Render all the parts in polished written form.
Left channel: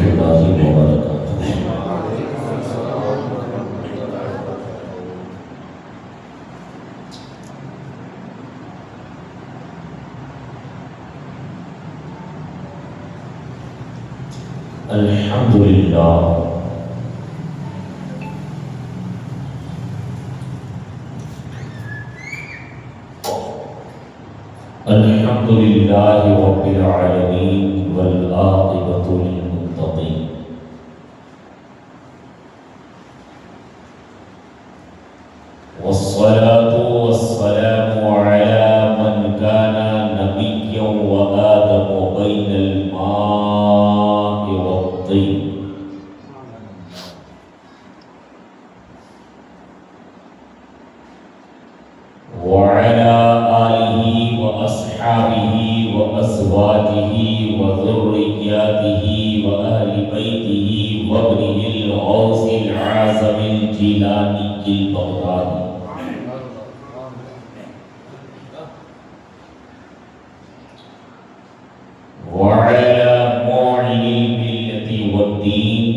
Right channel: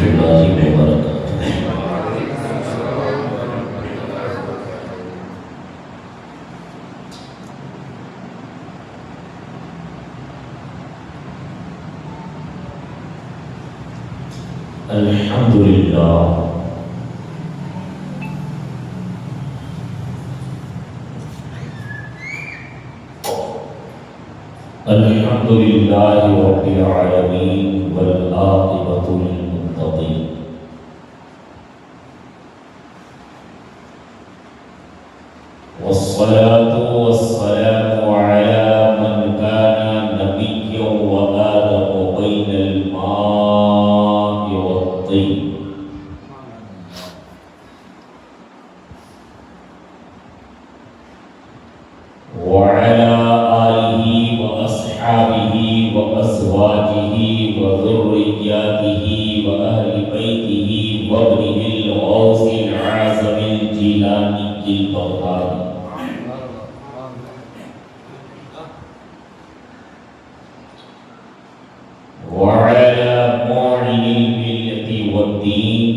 ورحمۃ اللہ وبرکاتہ۔ الحمدللہ الحمدللہ رب العالمین والعاقبۃ للمتقین، والصلاة والسلام علی من کان نبیا وآدم بین الماء والطین، وعلى آلہ وأصحابہ وأزواجہ وذریاتہ وأہل بیتہ وابنہ الغوث العظم الجیلانی البغدادی، وعلى معلن الملة والدين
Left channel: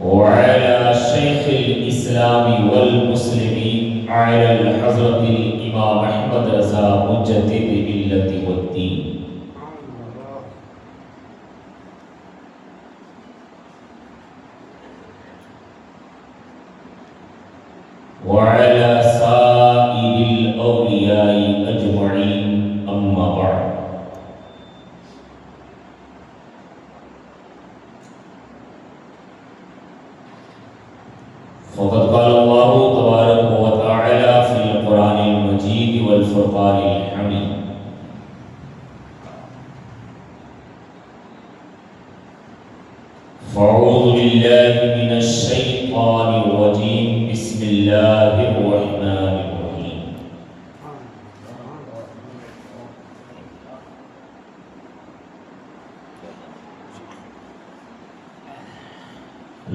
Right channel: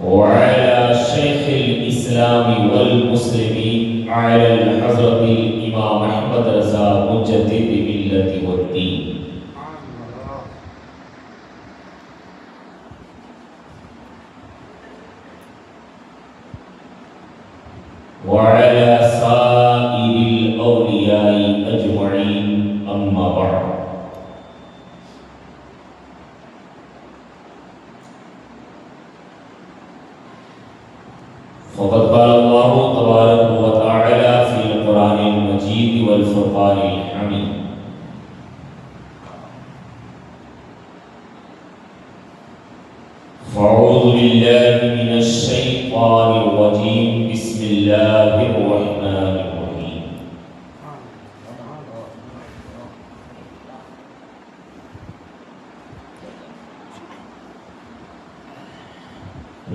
وعلى شيخ الإسلام والمسلمين على الحضرة الإمام أحمد رضا مجدد الملة والدين، وعلى سائر الأولياء أجمعين، أما بعد. فقد قال الله تبارك وتعالى في القرآن المجيد والفرقان الحميد: فأعوذ بالله من الشيطان الرجيم، بسم الله الرحمن الرحيم.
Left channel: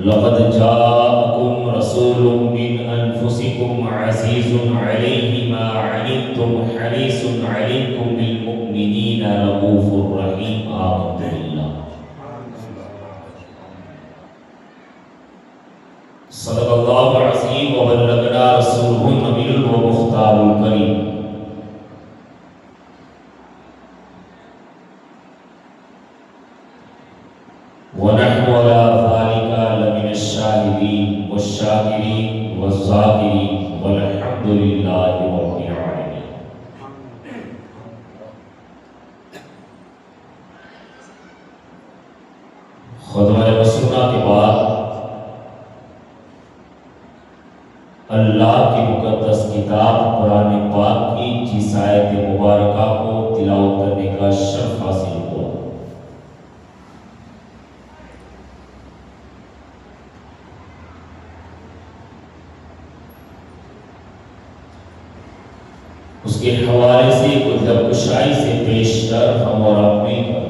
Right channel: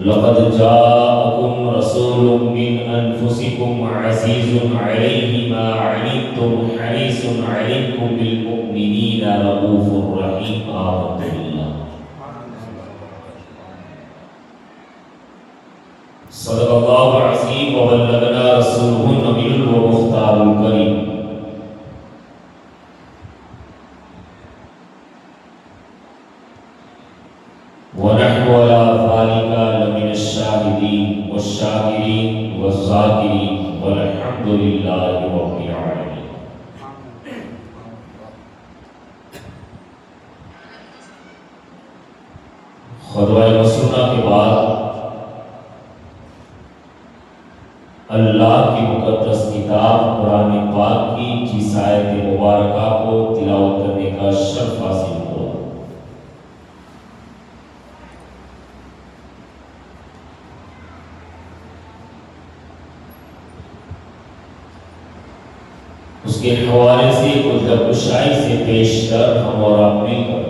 لقد جاءكم رسول من أنفسكم عزيز عليه ما عنتم حريص عليكم بالمؤمنين رؤوف رحيم. آمنت بالله. صدق الله العظيم وبلغنا رسوله النبي المختار الكريم. ونحن على ذلك لمن الشاهدين والشاكرين والذاكرين والحمد لله رب العالمين. خطبہ مسنونہ کے بعد اللہ کی مقدس کتاب قرآن پاک کی جس آیت مبارکہ کو تلاوت کرنے کا شرف حاصل ہوا، اس کے حوالے سے کچھ درگشائی سے پیش کر ہم اور آپ مل کر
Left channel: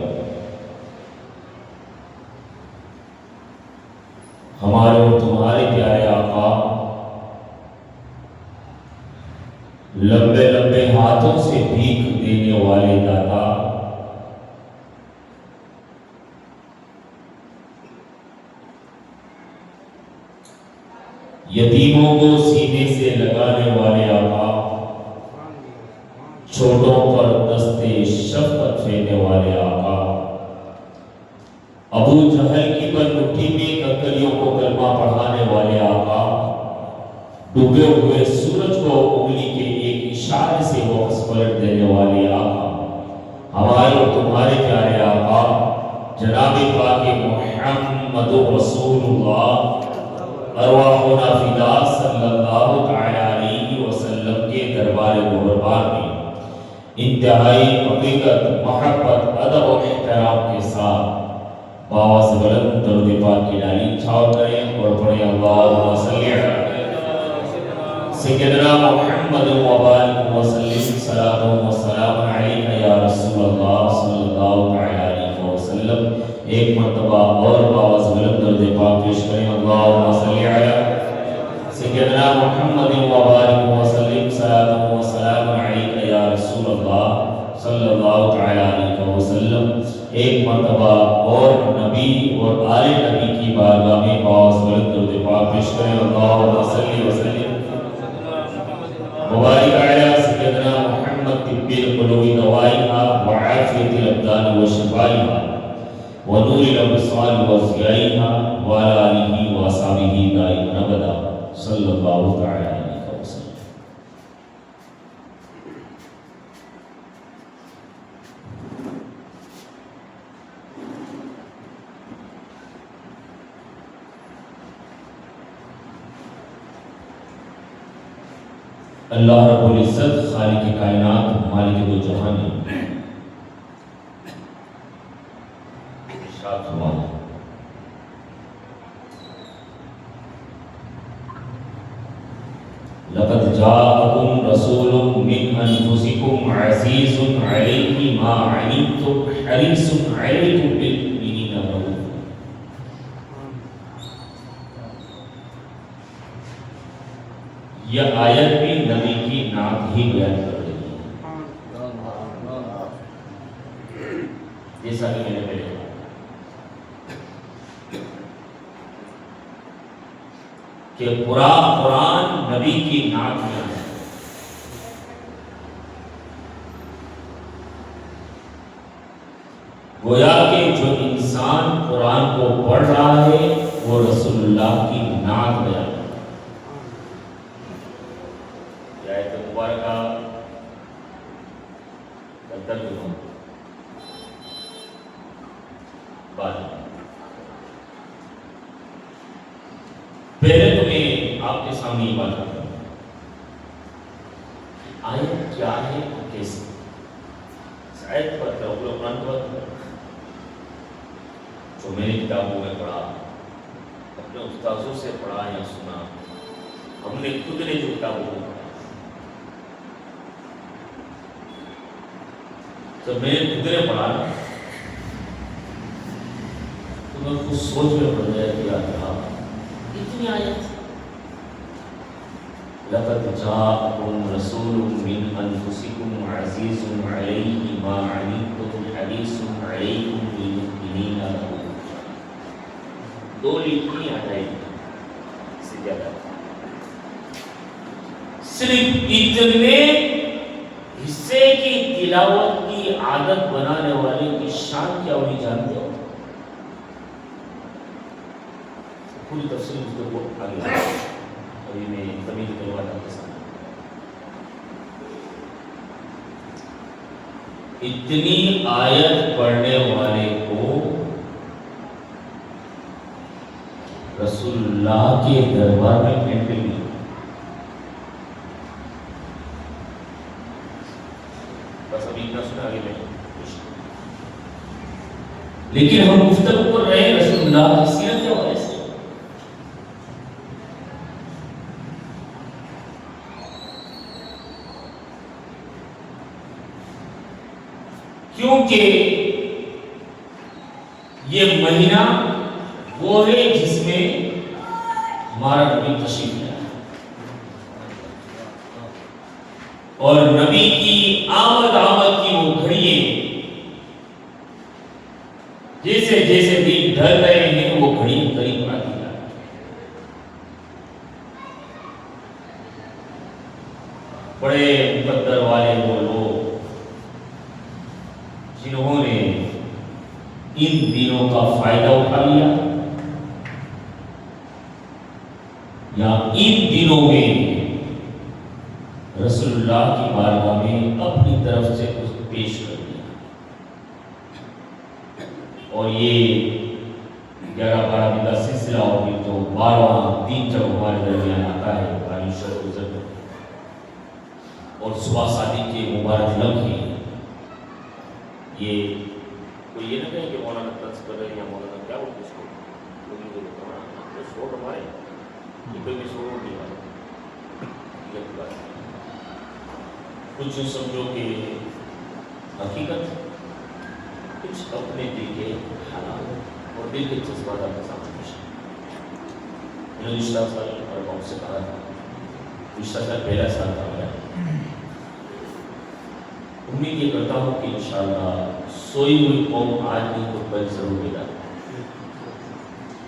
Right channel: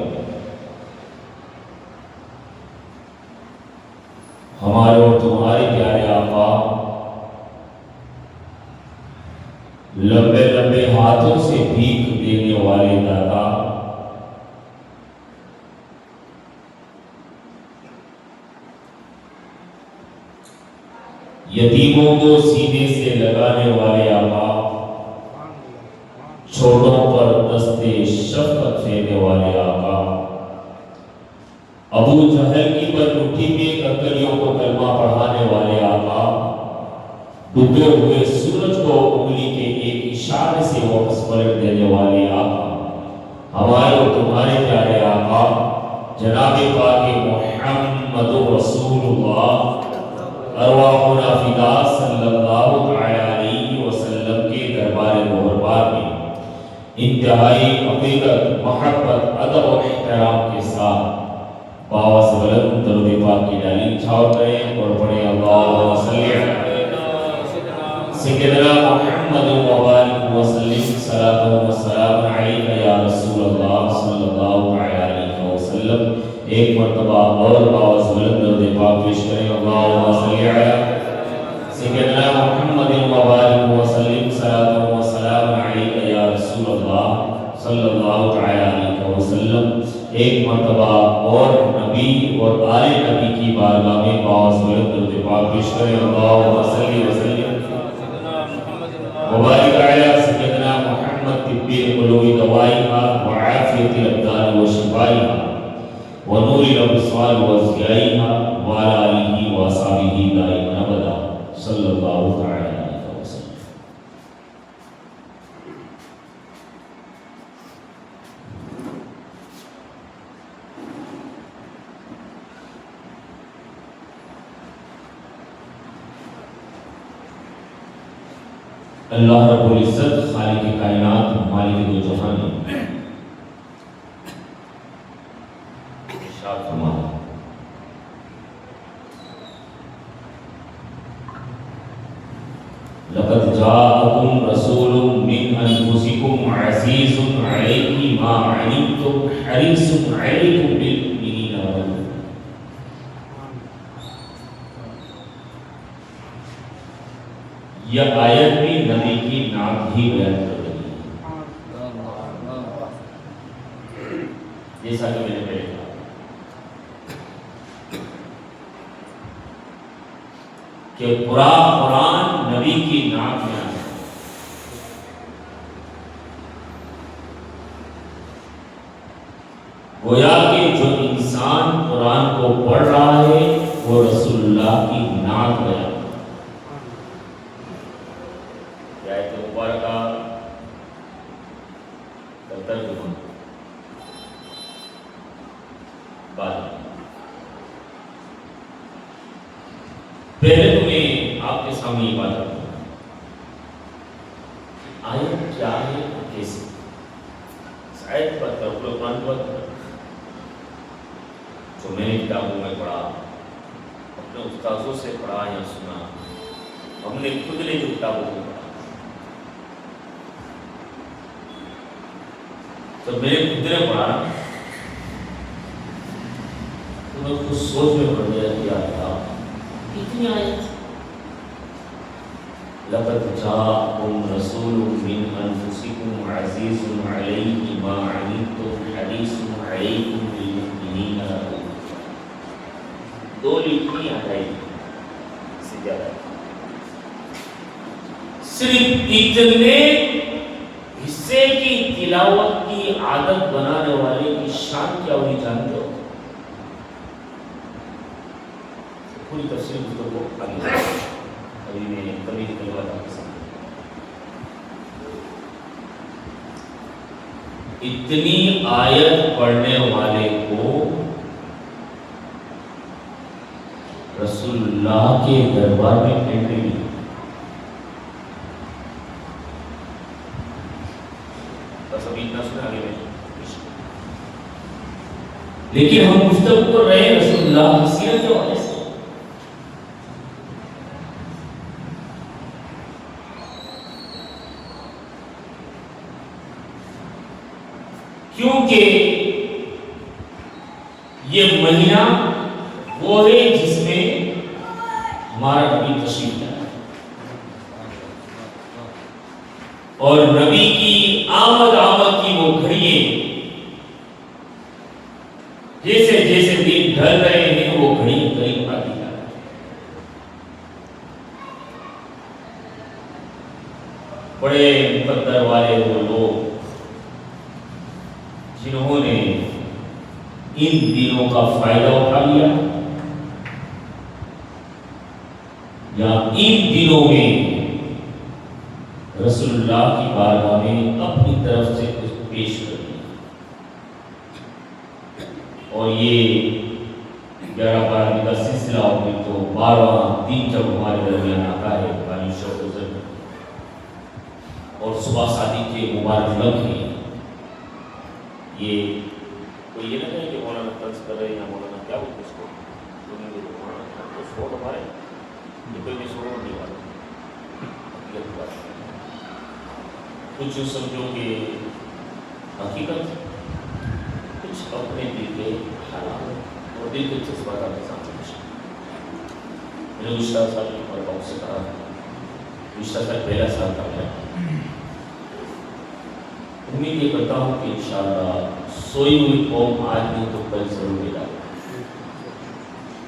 ہمارے اور تمہارے پیارے آقا لمبے لمبے ہاتھوں سے بھیک دینے والے داتا یتیموں کو سینے سے لگانے والے آقا، چھوٹوں پر دستے شفقت پھیرنے والے آقا، ابو جہل کی مٹھی میں کنکریوں کو کلمہ پڑھانے والے آقا، ڈوبے ہوئے سورج کو انگلی کے ایک اشارے سے واپس پلٹ دینے والے آقا، ہمارے اور تمہارے پیارے آقا جناب پاک محمد رسول اللہ ارواحنا فدا صلی اللہ تعالی علیہ وسلم کے دربار مبارک میں انتہائی عقیدت، محبت، ادب و احترام کے ساتھ باز بلند درود پاک کی ڈالی چھاؤ کریں اور پڑھیں اللہم صلی علی سیدنا محمد وبارک وسلم صلاۃ و سلام علیک یا رسول اللہ صلی اللہ علیہ وسلم. ایک مرتبہ اور باز بلند درود پاک پیش کریں اللہم صلی علی سیدنا محمد وبارک وسلم صلاۃ و سلام علیک یا رسول اللہ صلی اللہ ایک مرتبہ اور نبی اور آل نبی کی بارگاہ میں پاس درود پاک پیش کریں اللہم صلی وسلم مبارک علی سیدنا محمد طب القلوب دوائها وعافیت الابدان وشفائها ونور الابصار وضیائها وعلى آلہ وصحبہ دائما ابدا صلی اللہ تعالی علیہ وسلم۔ اللہ رب العزت خالق کائنات مالک دو جہان ارشاد فرمایا لقد جاءكم رسول من انفسكم عزيز عليه ما عنتم حريص عليكم بالمؤمنين رؤوف۔ یہ آیت بھی نبی کی نعت ہی بیان کر رہی ہے، جیسا کہ میں نے پہلے کہا کہ پورا قرآن نبی کی نعت میں آیا ہے۔ گویا کہ جو انسان قرآن کو پڑھ رہا ہے وہ رسول اللہ کی نعت بیان ہے۔ پہلے تو میں آپ کے سامنے یہ بات کرتا ہوں کہ آیت کیا ہے اور کیسے، اس آیت کی بات کروں، قرآن کی بات کروں جو میں نے کتابوں میں پڑھا، اپنے استاذوں سے پڑھا یا سنا، ہم نے خود نے جو کتابوں میں پڑھا، جب میں نے خود نے پڑھا تو میں خود سوچ میں پڑ گیا کہ یار اتنی آیت، لقد جاءکم رسول من انفسکم عزیز علیہ ما عنتم حریص علیکم بالمؤمنین رؤوف۔ دو لکھی آئے سے زیادہ، صرف اتنے حصے کی تلاوت کی عادت بنانے والے کی شان کیا ہوئی جانتے ہو؟ پوری تفصیل گفتگو آگے ابھی میں کمی کلمات آپ کے سامنے۔ اتنی آیت پڑھنے والے کو رسول اللہ کے دربار میں انٹری ملی۔ بس ابھی اتنا سنا، آگے میں لیکن ہم گفتگو کر رہے ہیں رسول اللہ کی سیرت کے حوالے سے۔ کیونکہ یہ مہینہ وہ ہے جس میں ہمارا نبی تشریف لایا اور نبی کی آمد کی وہ گھڑییں جیسے جیسے دن ڈھل رہے ہیں وہ گھڑی قریب آتی جا رہی ہے۔ بڑے مقدر والے وہ لوگ جنہوں نے ان دنوں کا فائدہ اٹھا لیا یا ان دنوں میں رسول اللہ کی بارگاہ میں اپنی طرف سے کچھ پیش کر دیا، اور یہ 11-12 دن کا سلسلہ ہو گیا تو 12واں دن جب ہمارے درمیان آتا ہے پانی شب گزر اور صبح صادق کے مبارک لمحے، یہ کوئی یہ نہ کہے کہ مولانا طنز کر رہے ہیں یا مولانا کیا بولتے اس کو، مولانا شوق ہمارے یہ کوئی بھی شوق نہیں والا، کچھ سمجھو کہ حقیقت، کچھ اپنے دل کے حالات اور دل کے جذبات آپ کے سامنے پیش۔ میں نے گزشتہ سال اور بہت سے کہا تھا، گزشتہ سال پہلا سال تھا میرا، امید یہ کرتا ہوں کہ انشاءاللہ سوئی ہوئی قوم آج نہیں تو کل ضرور ملا،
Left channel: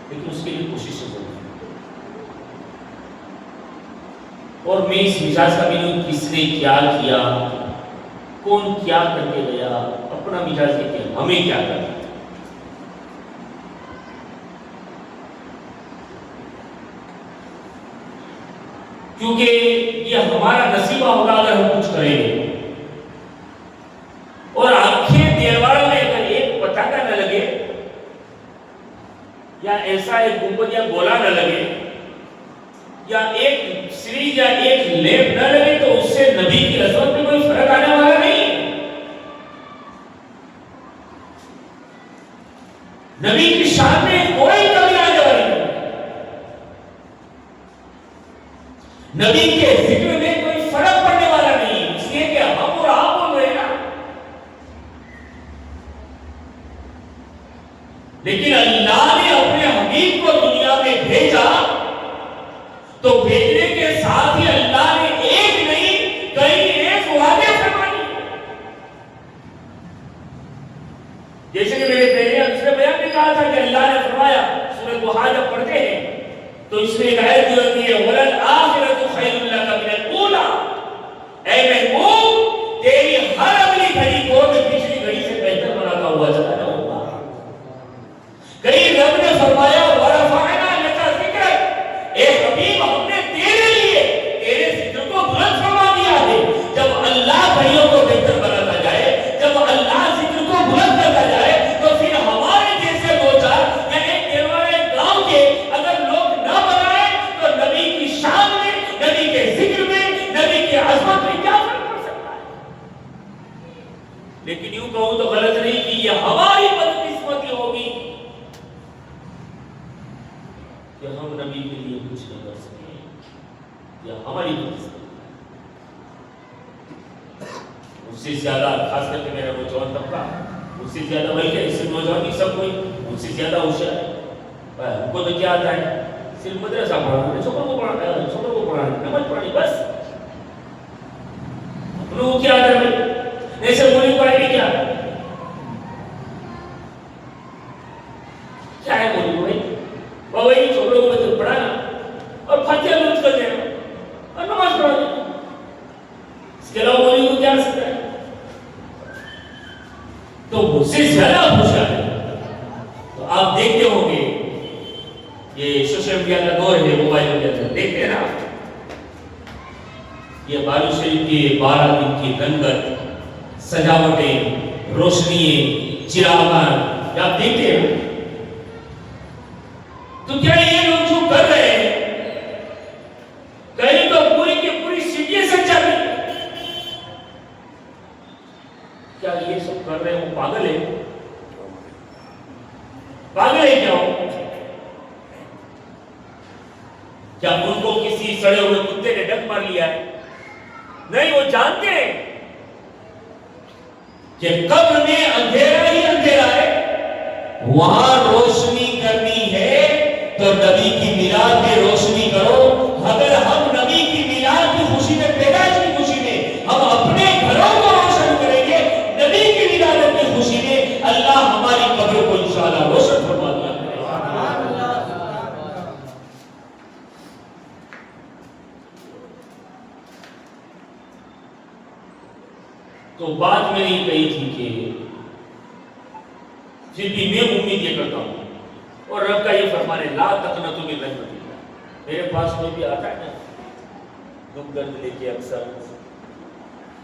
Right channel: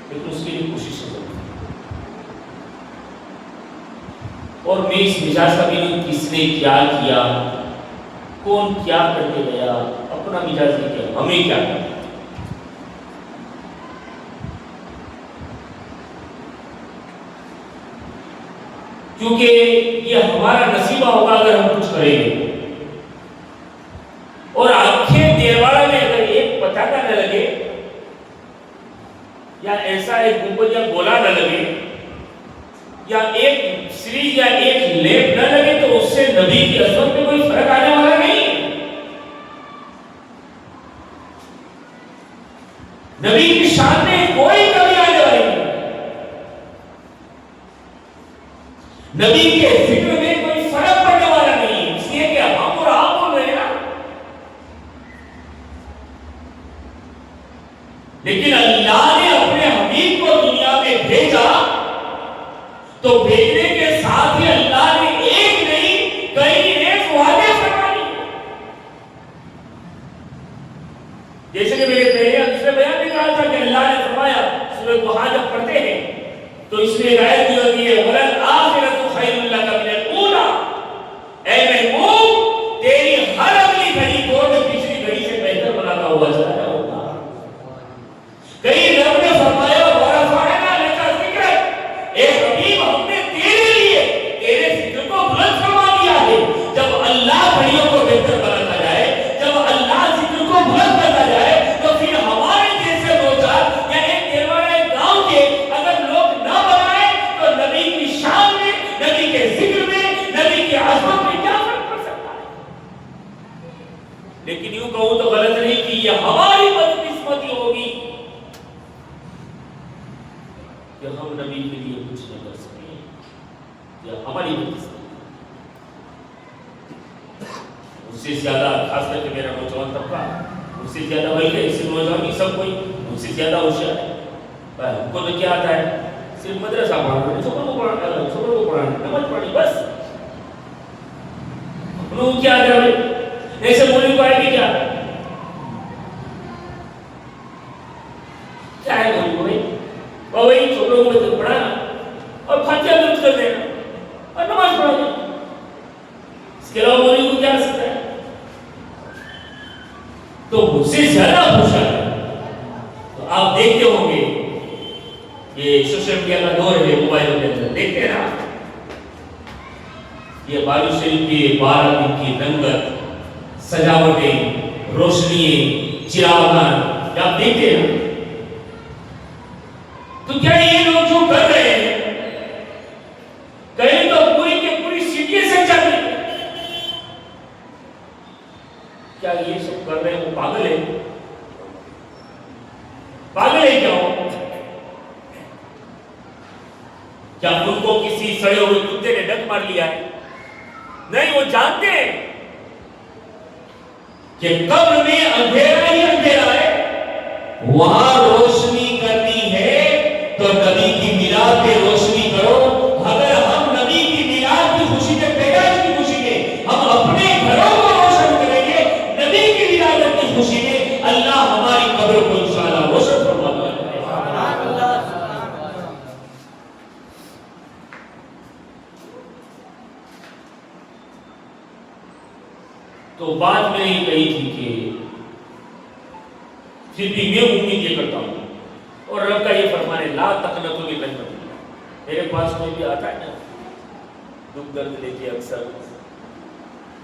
لیکن اس کے لیے کوشش ضرور۔ اور میں اس مزاج کا بھی نہیں کس نے کیا کیا، کون کیا کر کے گیا، اپنا مزاج یہ کیا، ہمیں کیا کرنا۔ کیونکہ یہ ہمارا نصیبہ ہوگا اگر ہم کچھ کریں گے، اور آنکھیں دیوارہ میں اگر ایک پتاکا نہ لگے یا ایسا ایک گنبد یا گولا نہ لگے یا ایک سریج یا ایک لیپ نہ لگے تو اس سے نبی کی عظمت میں کوئی فرق آنے والا نہیں۔ نبی کی شان میں کوئی کمی آنے والی نہیں، نبی کے ذکر میں کوئی فرق پڑنے والا نہیں، اس لیے کہ ہم اور آپ بول رہے ہیں نا۔ لیکن اللہ نے اپنے حبیب کو دنیا میں بھیجا تو بھیجنے کے ساتھ ہی اللہ نے ایک نہیں کئی ایک وعدے فرمائے، جیسے کہ میرے پہلے دوسرے بیان میں کہا تھا کہ اللہ نے فرمایا، سورہ ضحیٰ جب پڑھتے ہیں تو اس میں ایک آیت جو ہوتی ہے وَلَلْآخِرَةُ خَيْرٌ لَكَ مِنَ الْأُولَىٰ، اے محبوب تیری ہر اگلی گھڑی کو میں پچھلی گھڑی سے بہتر بناتا ہوا چلا جاؤں گا۔ کئی رب نے فرمایا وَرَفَعْنَا لَكَ ذِكْرَكَ، اے حبیب ہم نے تیرے لیے تیرے ذکر کو بلند فرما دیا ہے۔ جب اللہ گھڑیوں کو بہتر بناتا جائے، جب اللہ ذکر کو بلند کرتا جائے، تو پھر ہمارے جیسے دو چار یا ایک دیوارے گاؤں کے اگر لوگ نہ بنائیں تو نبی کی شان میں، نبی کے ذکر میں، نبی کی عظمت میں کیا فرق پڑ سکتا ہے؟ لیکن یوں کہوں تو غلط نہیں کہ یہ ہماری بدقسمتی ہوگی کہ ہم نبی کے لیے کچھ نہ کر سکیں، یا ہماری بدقسمتی۔ اس سے زیادہ خاص کر کے میرا نوجوان طبقہ اس سے زیادہ بھائی کہ اس سے نوجوان نہیں سب کوئی ان سے زیادہ ہوشیار ہے۔ ہم کو تو کیا آتا ہے، صرف مدرسہ پڑھانا، چھوٹوں کو پڑھانا، نماز پڑھانی، بس۔ انہوں کو کیا آتا ہے، ایسے مولوی کو آئے گی کیا ہے مولوی بھائی، وہی چھوٹوں کو پڑھانا اور فاتحہ درود کر دینا اور نماز پڑھا دینا، اس کے علاوہ مولوی کو کیا سکتا ہے؟ تو مجھ سے زیادہ ہوشیار ہے۔ تو آپ دیکھتے ہوں گے یہ سوشل میڈیا کا دور ہے، موبائل کے اندر دیکھتے ہیں نا، یہ بارو شریف کی 12 دن کی رنگت، سجاوٹیں، روشنییں، چراغان، آپ دیکھتے ہیں نا۔ تو کیا یہ لوگ جو کر رہے ہیں، کہیں تو پوری کی پوری سٹی سجا دی، کیا یہ سب کر رہے ہیں وہ پاگل ہے؟ پاگل ہے کیا ہو؟ کیا ان کو کسی سڑے ہوئے کتے نے ڈک مار لیا ہے؟ نہیں، وہ جانتے ہیں کہ قبر میں اندھیرا ہی اندھیرا ہے، وہاں روشنی کرنی ہے تو نبی کی میلاد پہ روشنی کرو۔ اگر ہم نبی کی میلاد کی خوشی میں، پیدائش کی خوشی میں ہم اپنے گھروں کو روشن کریں گے، نبی کی میلاد کی خوشی میں اللہ ہماری قبروں کو انشاءاللہ روشن فرما دے گا۔ تو بات میں یہ کہی تھی کہ پھر بھی میں امید یہ کرتا ہوں، اور رب کا یہ فرمان ہے لا تقنطوا من رحمت اللہ۔ میرے پاس کوئی بھی آتا ہے نا دکھ درد لے کے، اکثر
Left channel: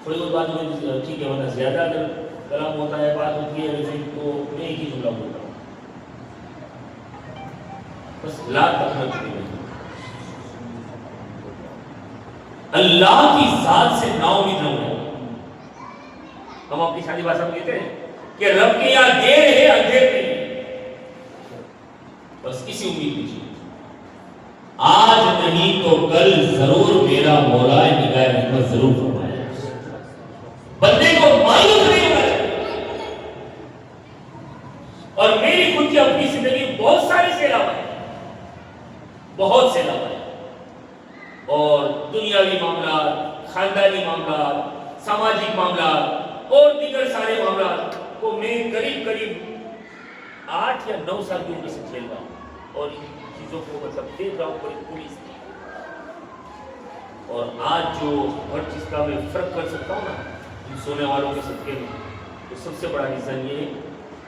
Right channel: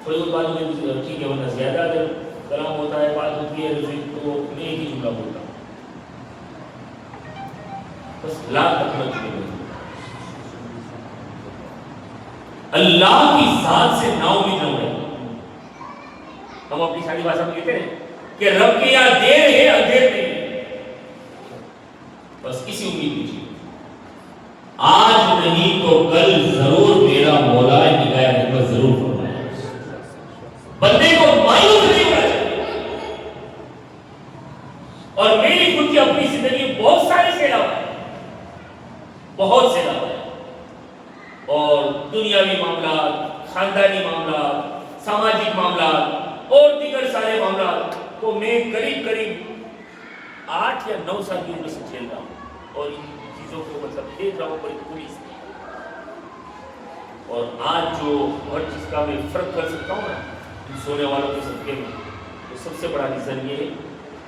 تھوڑی بہت بات میں ٹھیک ہے، ورنہ زیادہ اگر کلام ہوتا ہے، بات ہوتی ہے تو میں ایک ہی جملہ بولتا ہوں، بس لا تقنطوا من رحمت اللہ۔ اللہ کی ذات سے نا امید نہ ہوئے۔ ہم اپنی شادی بھاشا میں کہتے ہیں کہ رب کے یہاں دیر ہے اندھیر نہیں ہے، بس اسی امید لیجیے، آج نہیں تو کل ضرور میرا مولا نگاہ رحمت ضرور فرمائے۔ بندے کو مایوس نہیں ہونا چاہیے۔ اور میری خود کی اپنی زندگی بہت ساری سیلاب ہے، بہت سیلاب ہے، اور دنیاوی معاملات، خاندانی معاملات، سماجی معاملات، اور دیگر سارے معاملات کو میں قریب 8 یا 9 سال کی عمر سے کھیل رہا ہوں اور ان چیزوں کو مطلب دیکھ رہا ہوں بڑی خوبی سے. اور آج جو ہر چیز کا میں فرق کر سکتا ہوں نا ان سونے والوں کے صدقے میں، تو سب سے بڑا ریزن یہ ہے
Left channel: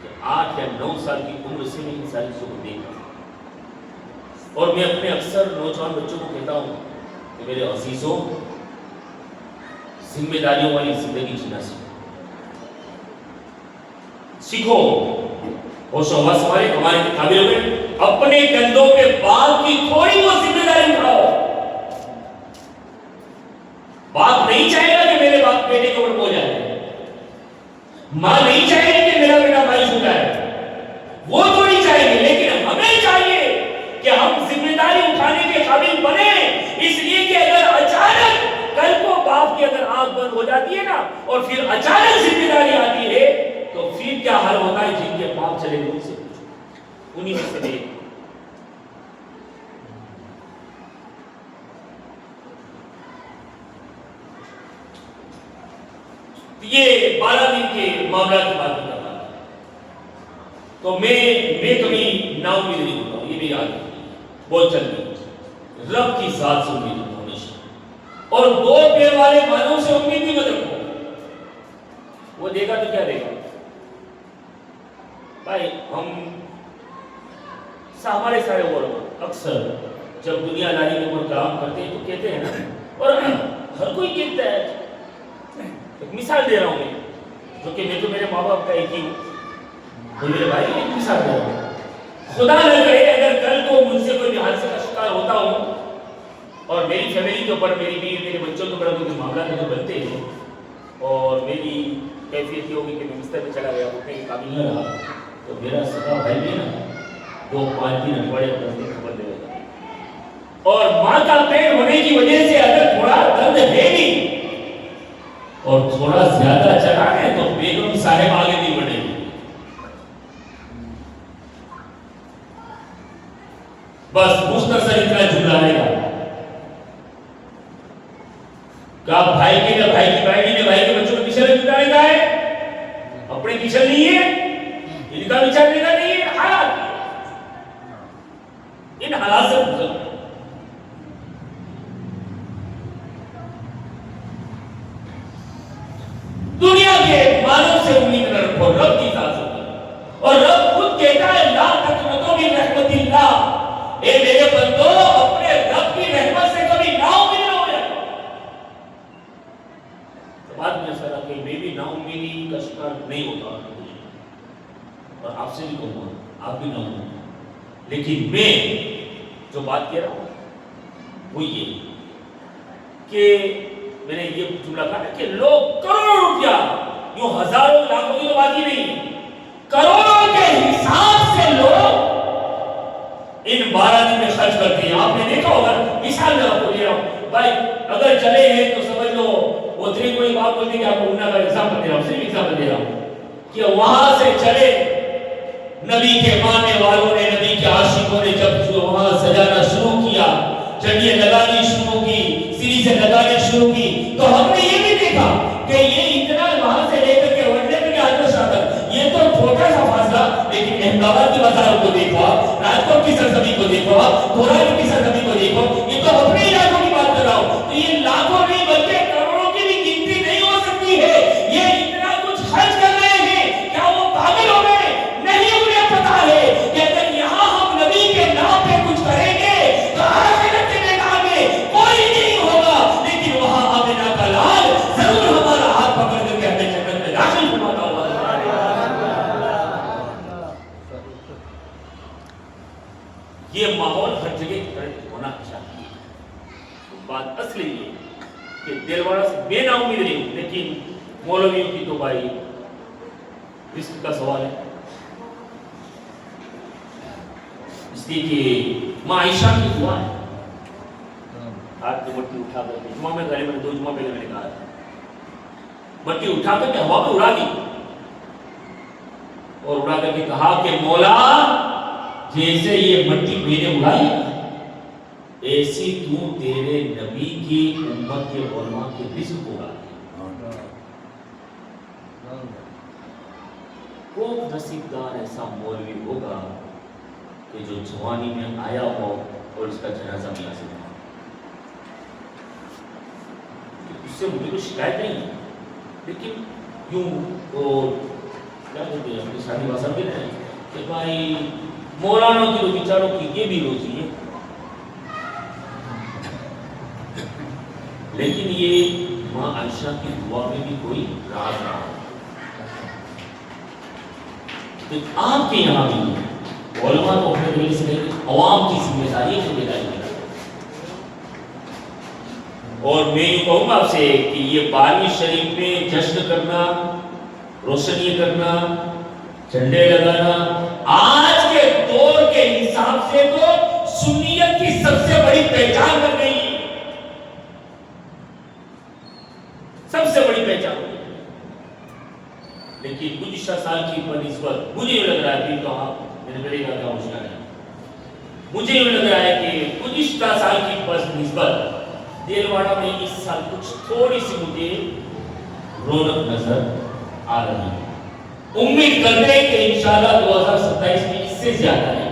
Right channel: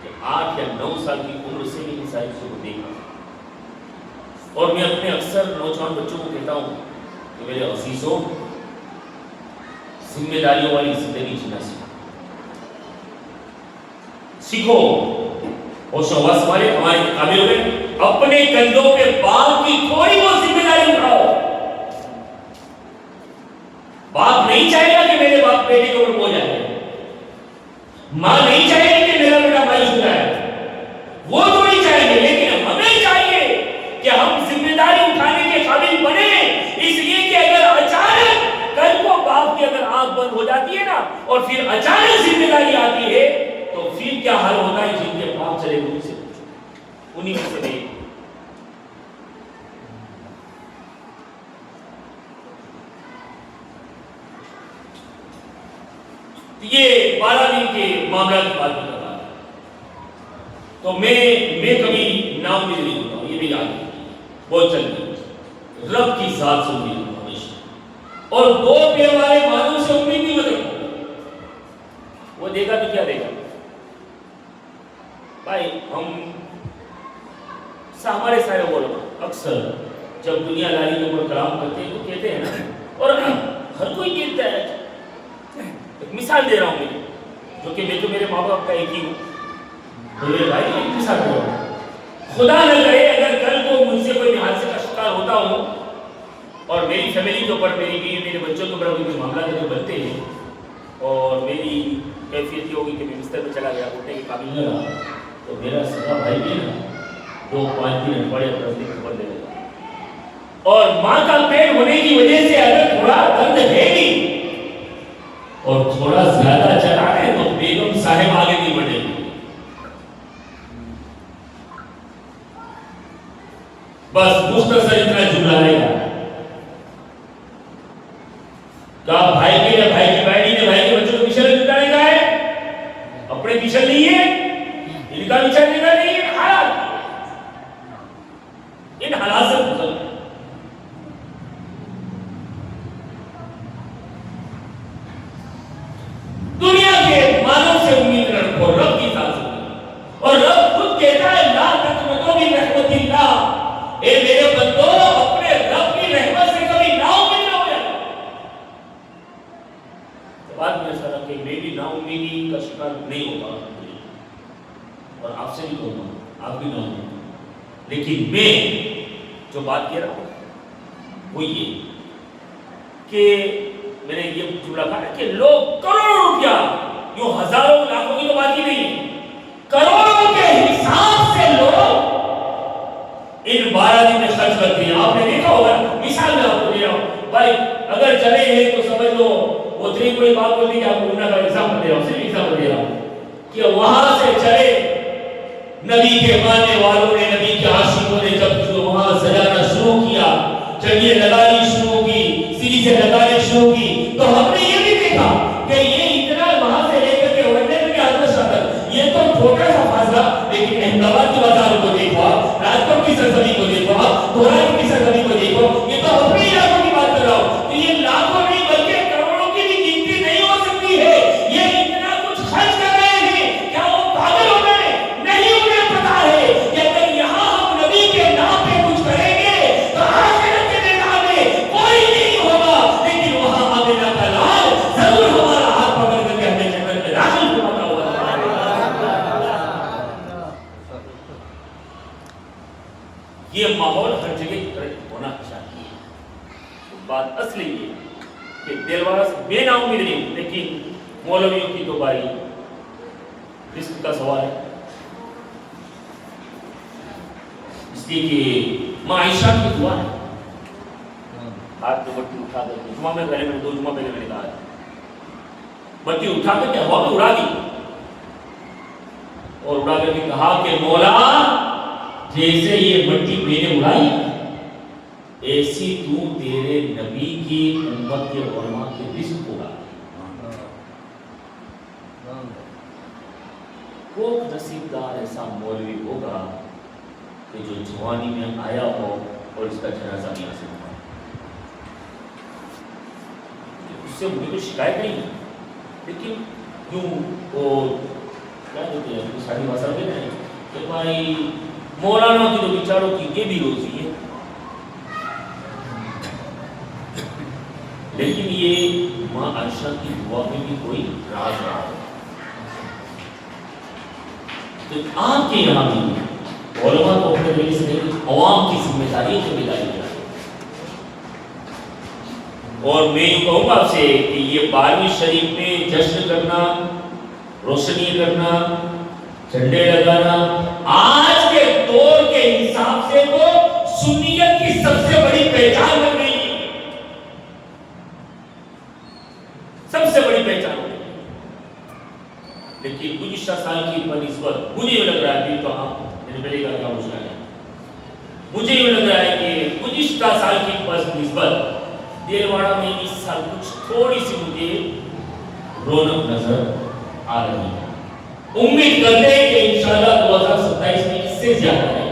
کہ 8 یا 9 سال کی عمر سے میں ان ساری چیزوں کو دیکھ رہا ہوں. اور میں اپنے اکثر نوجوان بچوں کو کہتا ہوں کہ میرے عزیزوں، ذمہ داریوں والی زندگی جینا سیکھو. ہوش و حواس ہمارے قابل ہو گئے، اپنے کندھوں پہ باپ کی تھوڑی بہت ذمہ داری اٹھاؤ. باپ نہیں چاہے گا کہ میرے باپ بیٹے کے اوپر ہو جائے، ماں نہیں چاہے گی کہ میرا بیٹا مایوس ہو جائے، وہ تو نہیں چاہے گی، لیکن ہمیں چاہیے کہ ہم ذمہ داری اٹھانے کے قابل بنے. اس لیے کہ اگر اچانک کل کو باپ کی اگر آنکھ بند ہو جاتی ہے نا اور پھر اچانک ذمہ داری آتی ہے تو پھر کیا حال ہوتا ہے. جن کے باپ چلے گئے ان سے انہی میں سے دیکھ. یہ 12 دن کے معاملات کی بات کر رہا ہے. تو میں کبھی نا امید نہیں ہوتا ہوں، یہ بھی یاد ہے بہت جلدی رب کی ذات سے امید ہوتا ہوں ہمیشہ. اور 2 پیر والے مانوں سے امید نہیں مت رکھو. وہ دے گا تو کیا دے گا بھائی. ہمارے سارے علماء اکثر جب دنیا داری کے اوپر کلام کرتے ہیں تو کہتے ہیں نا، اور ہر کوئی کہتا ہے. ایک مثال دے رہا ہوں میں، جو کہ میں تو میرے ماں باپ کا ایک ہی ہوں، تو میرے بھائی کی ایک مثال دے رہا ہوں. خدا نہ کرے اگر کل کو مجھ سے کوئی بھی حادثے کا شکار ہوتا ہوں اور میری فیملی کے اوپر، میری بیوی میرے بچوں کے اوپر کوئی معاملات جو بنتے ہیں اور میری کیفیت یہ ہوگی کہ میں بستر میں چلا گیا، اٹھنے کے قابل نہ رہا، تو میرا سگا بھائی بھی نا 2-5 دن بڑے 10 دن خبر دے گا. اور ماں کا پیٹ ہونے کی وجہ سے اگر تھوڑا درد ہے بھی اور تھوڑا زیادہ چلا ہے تو بیگم صاحب آگے نہیں بڑھے گی. بس مختصر اتنا جملہ رہے گا کہ بھائی کی بہنی نے بھائی کے بچوں کو پیچھے لگ جانے کا ہے، اپنے پیچھے نہیں ہے، ان کا پیچھے نہیں ہے. حالات ان حالات سے گزر دنیا کے مانوں سے امید رکھو، رب کی ذات سے. اور رب خود کہتا ہے لا تقنطوا من رحمت اللہ، اے میرے بندو اپنے رب کی رحمت سے کبھی نا امید نہ ہو جاؤ. تو بات میں ایسا کہ میں بھی نا امیدی کا شکار نہیں ہوتا اور آپ سے بھی کہوں گا آپ بھی نہ ہوں. لیکن میں جو بات کہہ رہا ہوں وہ یہ کہ میں نے یہ جملہ کہا کہ لوگ کروڑوں روپیہ، یوں ہزاروں لاکھوں کی تو بات ہی نہیں، کروڑوں کے حساب سے لوگ ان 12 دن میں خرچ کرتے ہیں. آپ نے دیکھا ہوگا، مثال میں آپ کو دے رہا ہوں بھائی، اگر چلے ہیں تو سمجھ لو وہ کوئی بات بولتی کہ آپ کو انہوں کا ایگزامپل دے رہا ہوں، صرف ایگزامپل دے رہا ہوں کہ وہاں سے چلے نبی کے ماننے والوں نے، نبی کے عاشقوں نے جب وہاں سجانا شروع کیا، چڑیے لگانی شروع کی، سیریزیں لگانی شروع کی، تو ہم نے یہ بھی دیکھا کہ یہ اتنا وہاں سے لے کر کے وڈے میں حضرت تک یہ تو چھوٹا سا فاصلہ، لیکن احمدآباد کی بازاروں کو دیکھو، راجکوٹ کی سرزمین کو دیکھو، دھورائی کی سرزمین کو دیکھو، یہ تو اپنے علاقوں کی بات کر رہا ہوں. تو یہ لاکھوں نہیں بلکہ کروڑوں کی بھی گنتی نہیں ہو سکتی ہے. یہ اتنا کچھ خرچ کر رہے ہیں، کیا وہ پاگل ہو گئے؟ نہیں، انہیں پتا ہے کہ اگر یہاں ہم نبی کے نام پہ کچھ کریں گے تو آخرت کے میدان میں کوئی نہیں ہوگا، لیکن وہاں آمنہ کا لال ضرور ہمارا ہاتھ پکڑ کر کے ہمیں جنت میں داخل کرواتا ہوا. یہ ماحول ہر جگہ ہونا چاہیے. بات اصلی یہ کہ دل والا سے بے نا امید نہیں ہوں، لیکن مولویوں کی تو بھائی رزق کا سوال ہے. اس لیے کہ ماں عائشہ کی دعا ہے، ہاتھ میں مٹی اٹھا کر کے، جمعہ میں گھر میں 2 جمعہ پہلے میں نے کہا تھا، مٹی اٹھا کر کے ہوا میں اڑا دی اور اڑا کر کے کہا کہ مولا جیسے یہ مٹی میں نے اڑائی ایسی تو تیرے نبی کی امت کے علماء کے رزق اڑا. کوک نصیبدار ایسا مولوی ہوگا کہ جو جوانی میں آیا ہو اور اس کا جنازہ بھی حاصل ہو. اس سے مجھے کوئی شکایت نہیں ہے، لیکن یوں وہ کیا کہتے ہیں اپنی شادی باسا کے نا کہ بھائی مولانا کی تو بیچاروں کی یہ بھی روزی ہے، لیکن یہ ماں عائشہ کی دعا میں بھی کوئی راز رہا. تو آپ کے یہاں بھی علماء تو اپنے دل سے نہیں، عوام کی ذمہ داری ہے. اور میں یہ کہوں گا آپ سے کہ یہ 12ویں شریف میں جشن کرنا، روشنی کرنا، جھنڈے لگانا آج کے دور کے حساب سے تو سنیت کی سب سے بڑی پہچان بن گئی ہے، سب سے بڑی پہچان ہو گئی. لیکن گزشتہ سال کی بنسبت مجھے یہ لگ رہا ہے تو ہاں میں نے پہلے کہا کیا مشکل ہے، مجھے یہ لگ رہا ہے کہ گزشتہ سال کی بنسبت دیلواڑہ میں اس سال کچھ تھوڑی سی مجھے رونق نظر آ رہی ہے. امید کرتے ہیں کہ انشاءاللہ 2027 میں اس سے زیادہ آئے گی،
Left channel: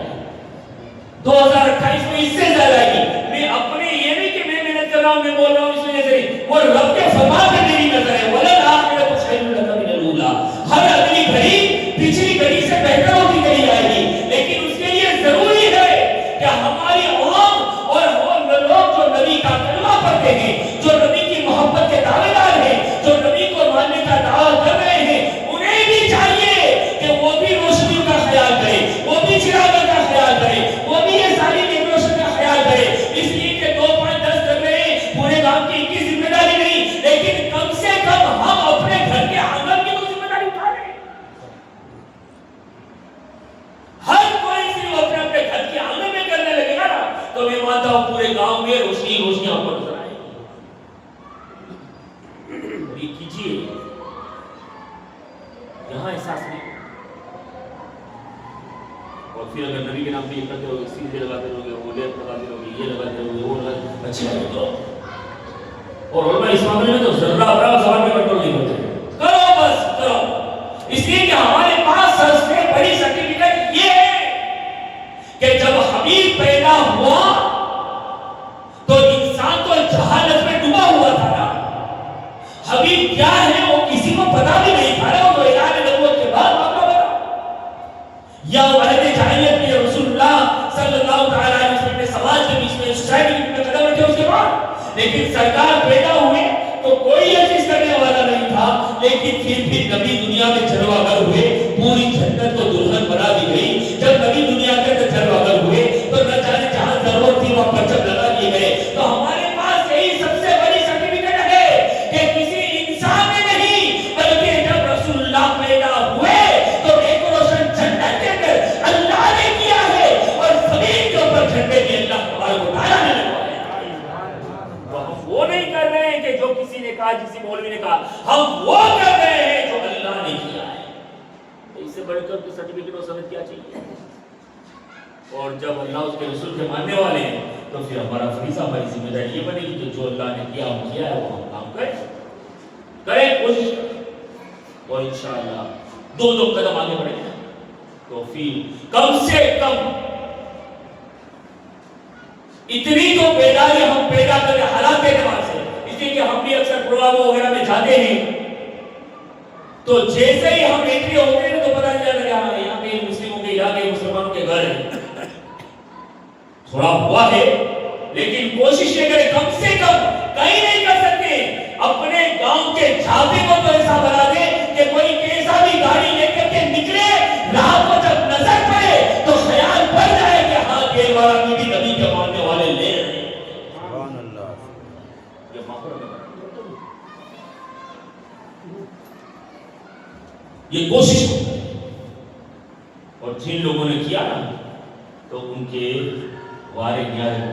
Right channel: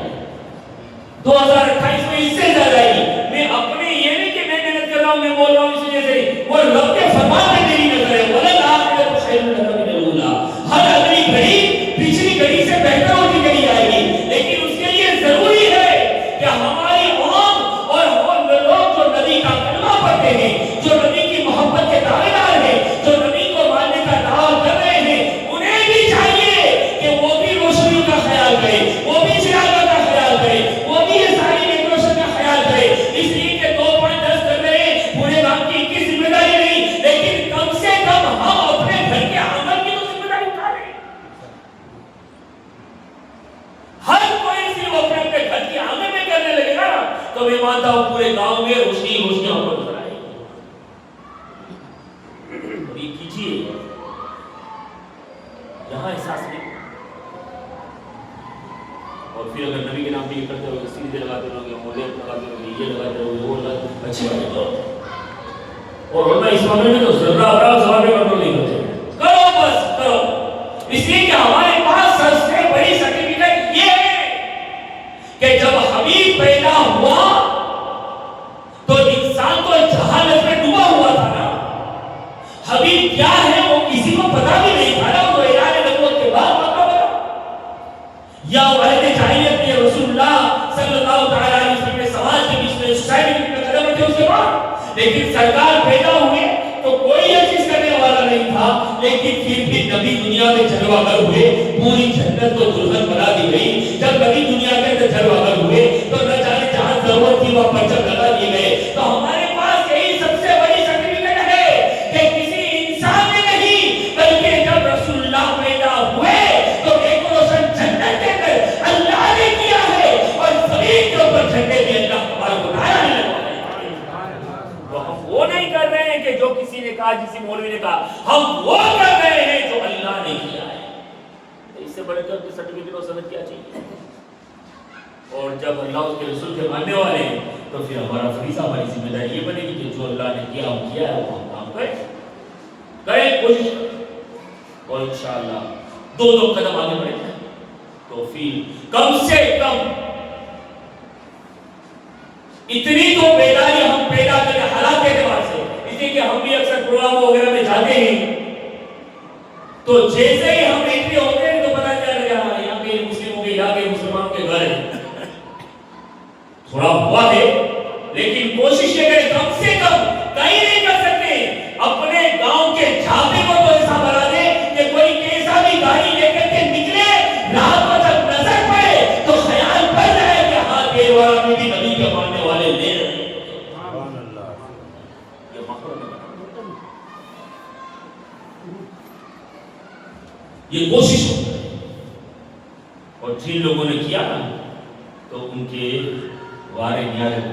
2028 میں اس سے زیادہ آئے گی. میں اپنے یہ نہیں کہ میں محنت کر رہا ہوں، میں بول رہا ہوں اس وجہ سے، وہ رب کے فرمان پہ میری نظر ہے. وَلَنْ آخِرَةُ خَيْرٌ لَكَ مِنَ الْأُولَىٰ. ہر اگلی گھڑی پچھلی گھڑی سے بہتر ہوتی چلی آئے گی، لیکن اس کے لیے ضروری ہے کہ ہماری عوام اور لوگ جو نبی کا کلمہ پڑھتے ہیں، جو نبی کی محبت کے دعوے دار ہیں، جو نبی کو ماننے کا دعویٰ کر رہے ہیں، انہیں بھی چاہیے کہ وہ بھی روشنیوں کا خیال کرے، وہ بھی چراغوں کا خیال کرے، وہ بھی یہ ساری ڈیکوریشن کا خیال کرے. اس لیے کہ 2.10 کر رہے ہیں، پورے کام کی کی ذمہ داری نہیں، لیکن کم سے کم ہم اپنے گھر کے آنگن کی تو ذمہ داری اٹھا لیں. ہر کوئی صرف اپنے اپنے گھر کے آنگن میں کرنے لگے گا تو میں مانتا ہوں پورے گاؤں میں روشنی ہم پر نظر آئے گی. یہ کیجیے، یہاں احساس نہیں. اور پھر اگر نبی کے نام پہ یہ کرتے ہو، سیدھے لگاتے رہو گے، وہ لیٹ لگاتے رہو گے، یہ لگاتے رہو گے، وہ لگاتے، اچھی بات ہے. اور علماء اس معاملے میں تو ذرہ برابر زبان میں کنٹرول نہیں کرتے. کرو بس کرو، اس لیے کہ ہمارے پاس سب سے بڑی سرٹیفکیٹ یہ ہے کہ جب حبیب پیدا ہوا تو انسان تو جہالت میں ڈوبا ہوا تھا نا. حبیب کیا ہے وہ کسی کو پتا بھی نہیں تھا نا. وہ اعلان نبوت کے بعد واقع ہوا، یا عہد جاہلیت میں رسول اللہ صلی اللہ تعالی علیہ وسلم کے سماج کے بیچ میں سوسائٹی میں قدم رکھے اس کے بعد. لیکن سرکار پیدا ہوئے تو کوئی یہ چیز کرنے والا نہیں تھا، لیکن پھر بھی نبی دنیا میں جلوہ گر ہوئے، پوری جنت کو دلہن بنا دی گئی. جب نبی دنیا کے اندر جلوہ گر ہوئے تو نہ جانے جہاں ضرورت تھی وہاں پرچم لگا دیے گئے. تو ہمارے پاس یہی سب سے بڑی سرٹیفکیٹ ہے کہ کسی انسان نے نہیں، بلکہ جب رسول اللہ پیدا ہوئے تو ڈیکوریشن جنت کے اندر اللہ نے کیا ہے، اور زمین کے اوپر جھنڈے بھی اللہ تبارک و تعالیٰ نے لگوائے. وہ نہیں کر رہے ہیں کہ جو کسی نے کہا، کسی مولوی نے کہا، ہم وہ کر رہے ہیں جو اللہ نے کیا ہے. اس سے بڑے طور پہ سرٹیفکیٹ اور سند کیا چاہیے؟ اور جب اللہ اس کے رسول کے ماننے والے ہیں تو پھر ہمارا فریضہ، ہماری ذمہ داری یہ بنے گی کہ جو اللہ نے کیا ہم کیا ہے وہ ہم کام کریں، کوشش کریں، اور انشاءاللہ دو قدم آگے بڑھیں گے تو پھر کم سے کم اتنی تو بیداری ہم پیدا کریں حالات کے اعتبار سے. اس لیے کہ ہم بھی اکثر پروگراموں وغیرہ میں جاتے ہیں تو جیسے ہی ہم انٹری ہوتے ہیں تو پتہ چل رہا ہے یہاں پہ مسلموں کے، یہاں پہ مسلمانوں کے گھر ہیں. تھوڑا ہوا ہے لیکن کوشش یہ کریں کم سے کم، کہیں نہیں کر سکتے، اپنے گاؤں کے چھاپے کو تو ایسا بنا دے کہ کوئی کیسا بھی گاڑی لے کر کے نکلے، رات کو جب نظر پڑے تو خیال پڑ جائے کہ ہاں دیلواڑہ میں بھی نبی کے ماننے والے لے رہے ہیں. سبحان اللہ. یہ مقصد ہے، یہ کوشش ہو. اور جن لوگوں نے کیا نا تو ان کے وارے نیارے ہو.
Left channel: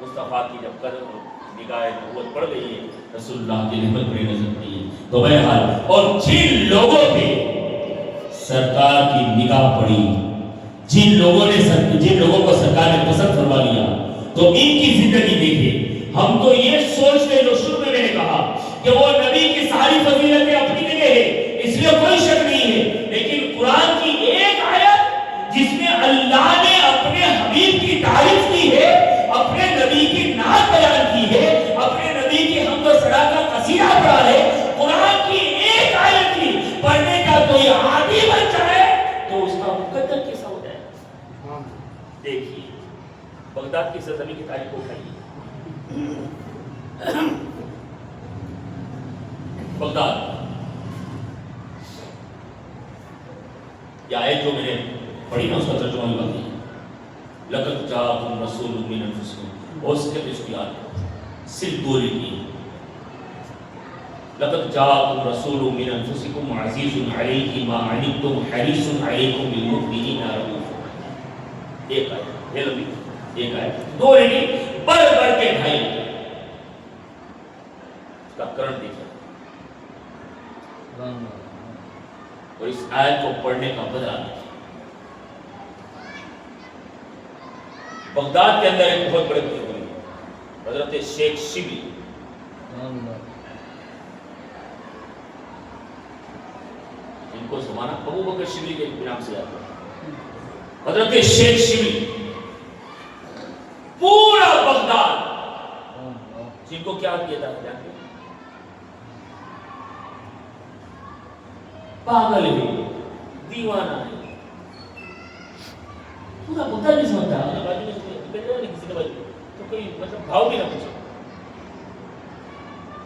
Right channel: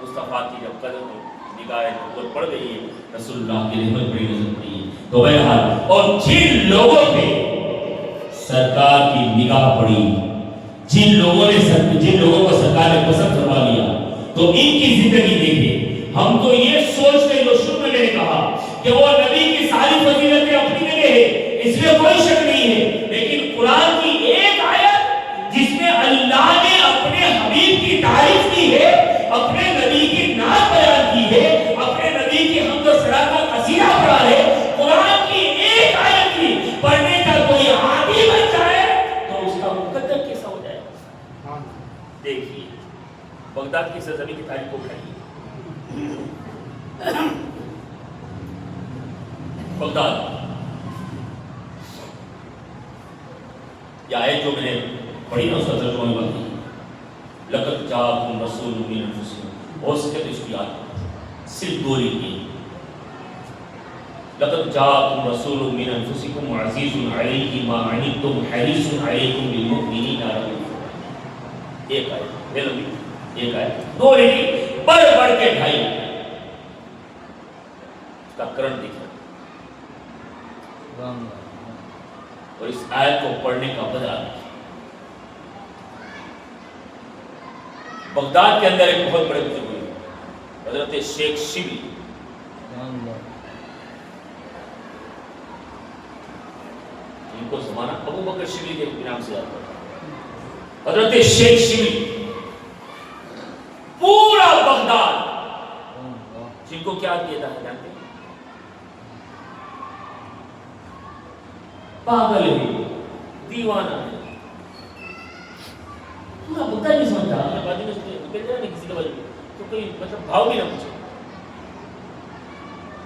مصطفیٰ کی جب قدم نگاہ نبوت پڑ گئی ہے، رسول اللہ کی رحمت بڑی نظر پڑی ہے. تو بہرحال، اور جن لوگوں پہ سرکار کی نگاہ پڑی، جن لوگوں کو سرکار نے پسند فرما لیا، تو ان کی زندگی دیکھیں. ہم کو یہ سوچ کے جو شروع میں نے کہا کہ وہ نبی کی ساری فضیلتیں اپنی جگہ ہے، اس لیے کوئی شک نہیں ہے، لیکن بغداد کی سرزمین کی تاریخ کو اٹھائیے. بغداد یہ آیت جو میں نے پڑھی نا اس کا ترجمہ نہیں بات ہے. لقد جاءکم رسول من انفسکم اور اس کے اس کو یاد صرف دو لکھی. لقد جاءکم رسول من انفسکم عزیز علیہ ما عنتم حریص علیکم بالمؤمنین رؤوف رحیم. ایک آیت یہ لمبی ایک آیت دو لکھی بڑھ بڑھ کے ڈھائی اس کا کرنٹ دیکھا. اور اس آیت کو پڑھنے کا بدلہ بغداد کے اندر ایک بہت بڑے بزرگ ہوئے حضرت شیخ شبلی. ان کو زمانہ ابو بکر شبلی کے نام سے یاد کرتا. حضرت شیخ شبلی پورا بغداد جن کو کیا کیا تھا جانتے ہیں؟ پاگل ہے, دیوانہ ہے. پورا بغداد نہیں سمجھتا بازی میں کسی کے بازی تو کوئی مطلب بھاؤ بھی نہ پوچھا.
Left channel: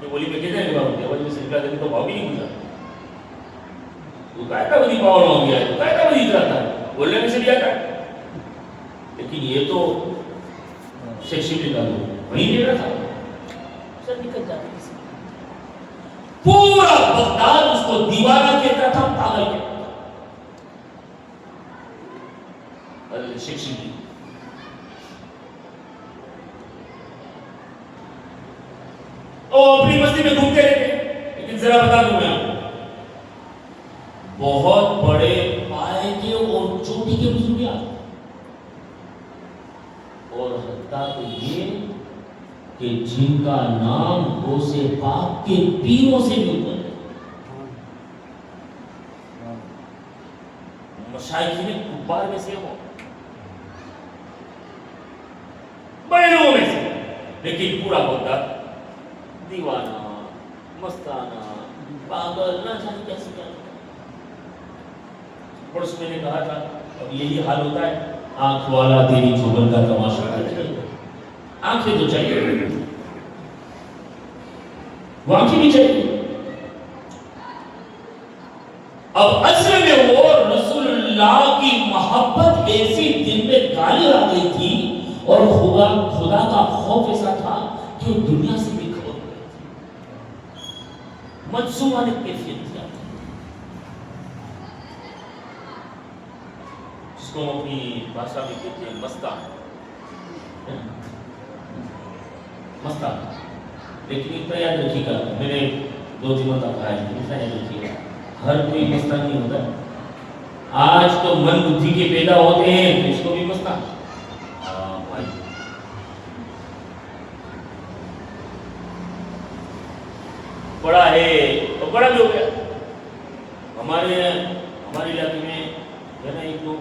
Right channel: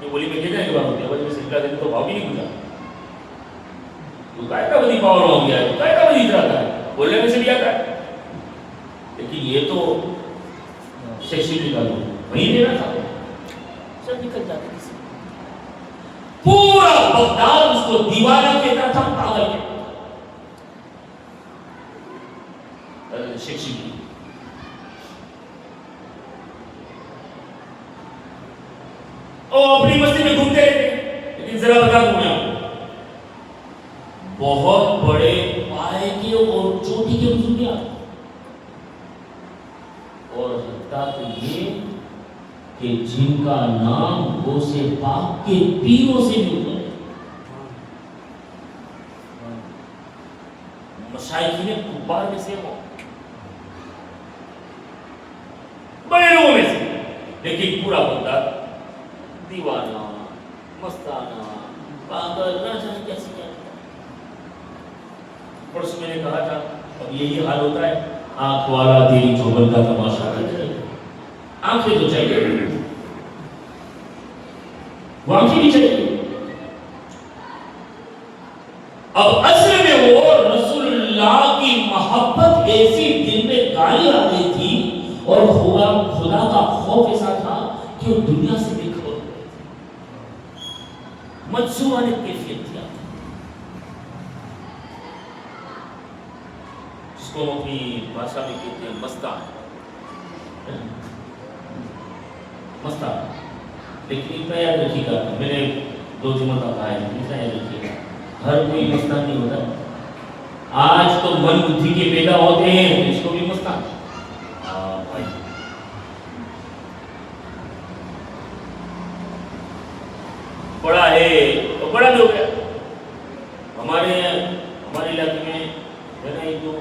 یہ بولی میں کہتے ہیں کہ بازی میں سلسلہ دینے تو بھاؤ بھی نہیں پوچھا. تو کائے بدی پاور ہو گیا ہے, تو کائے بدی اتراتا ہے, بولنے میں سے بھی آتا ہے. لیکن یہ تو شیخ شبلی کا لوگ وہی دے رہا تھا, سب نکل جاتے کسی. پورا بغداد اس کو دیوانہ کہتا تھا, پاگل کہتا تھا. حضرت شیخ شبلی اور اپنی مستی میں گھومتے رہتے. لیکن ذرا بتا دوں میں آپ کو, بہت بڑے پائے کے اور چوٹی کے بزرگ ہیں, اور حتیٰ کہ یہ کہ جن کا نام غوث پاک کے پیروں سے بھی اوپر ہے. مشائخین کبار میں سے ہو, بڑے لوگوں میں سے, لیکن پورا بغداد دیوانہ مستانہ پاگل نہ جانے کیسے کیا. پرسوں میں نے کہا تھا اب یہی حال ہوتا ہے, آنکھ والا تیری چوبن کا تماشا دیکھ رہے. آنکھیں تو چاہیے, وہ آنکھیں نہیں چاہیے. اب اصل میں وہ رسول اللہ کی محبت ایسی دل میں گالی آ گئی تھی اور خدا کا خوف ایسا تھا کہ وہ دنیا سے بے خبر ہو گئے تھے. مجذوبانہ کیفیت تھی جس کو اپنی بھاشا میں کہتے ہیں مستان. مستان. لیکن اتنا یاد رکھیے گا, میں نے 2 جمعہ تک کہا ہے, اتنا یاد رکھیے گا, ہر کوئی مستان نہیں ہوتا. آج تو من بدھی کے پیدا ہوتے ہیں تو اس کو بھی مستان. ہاں بھائی, بڑا ہے تو بڑا بھی ہو گیا. ہمارے علاقے میں ہے نا ایک دو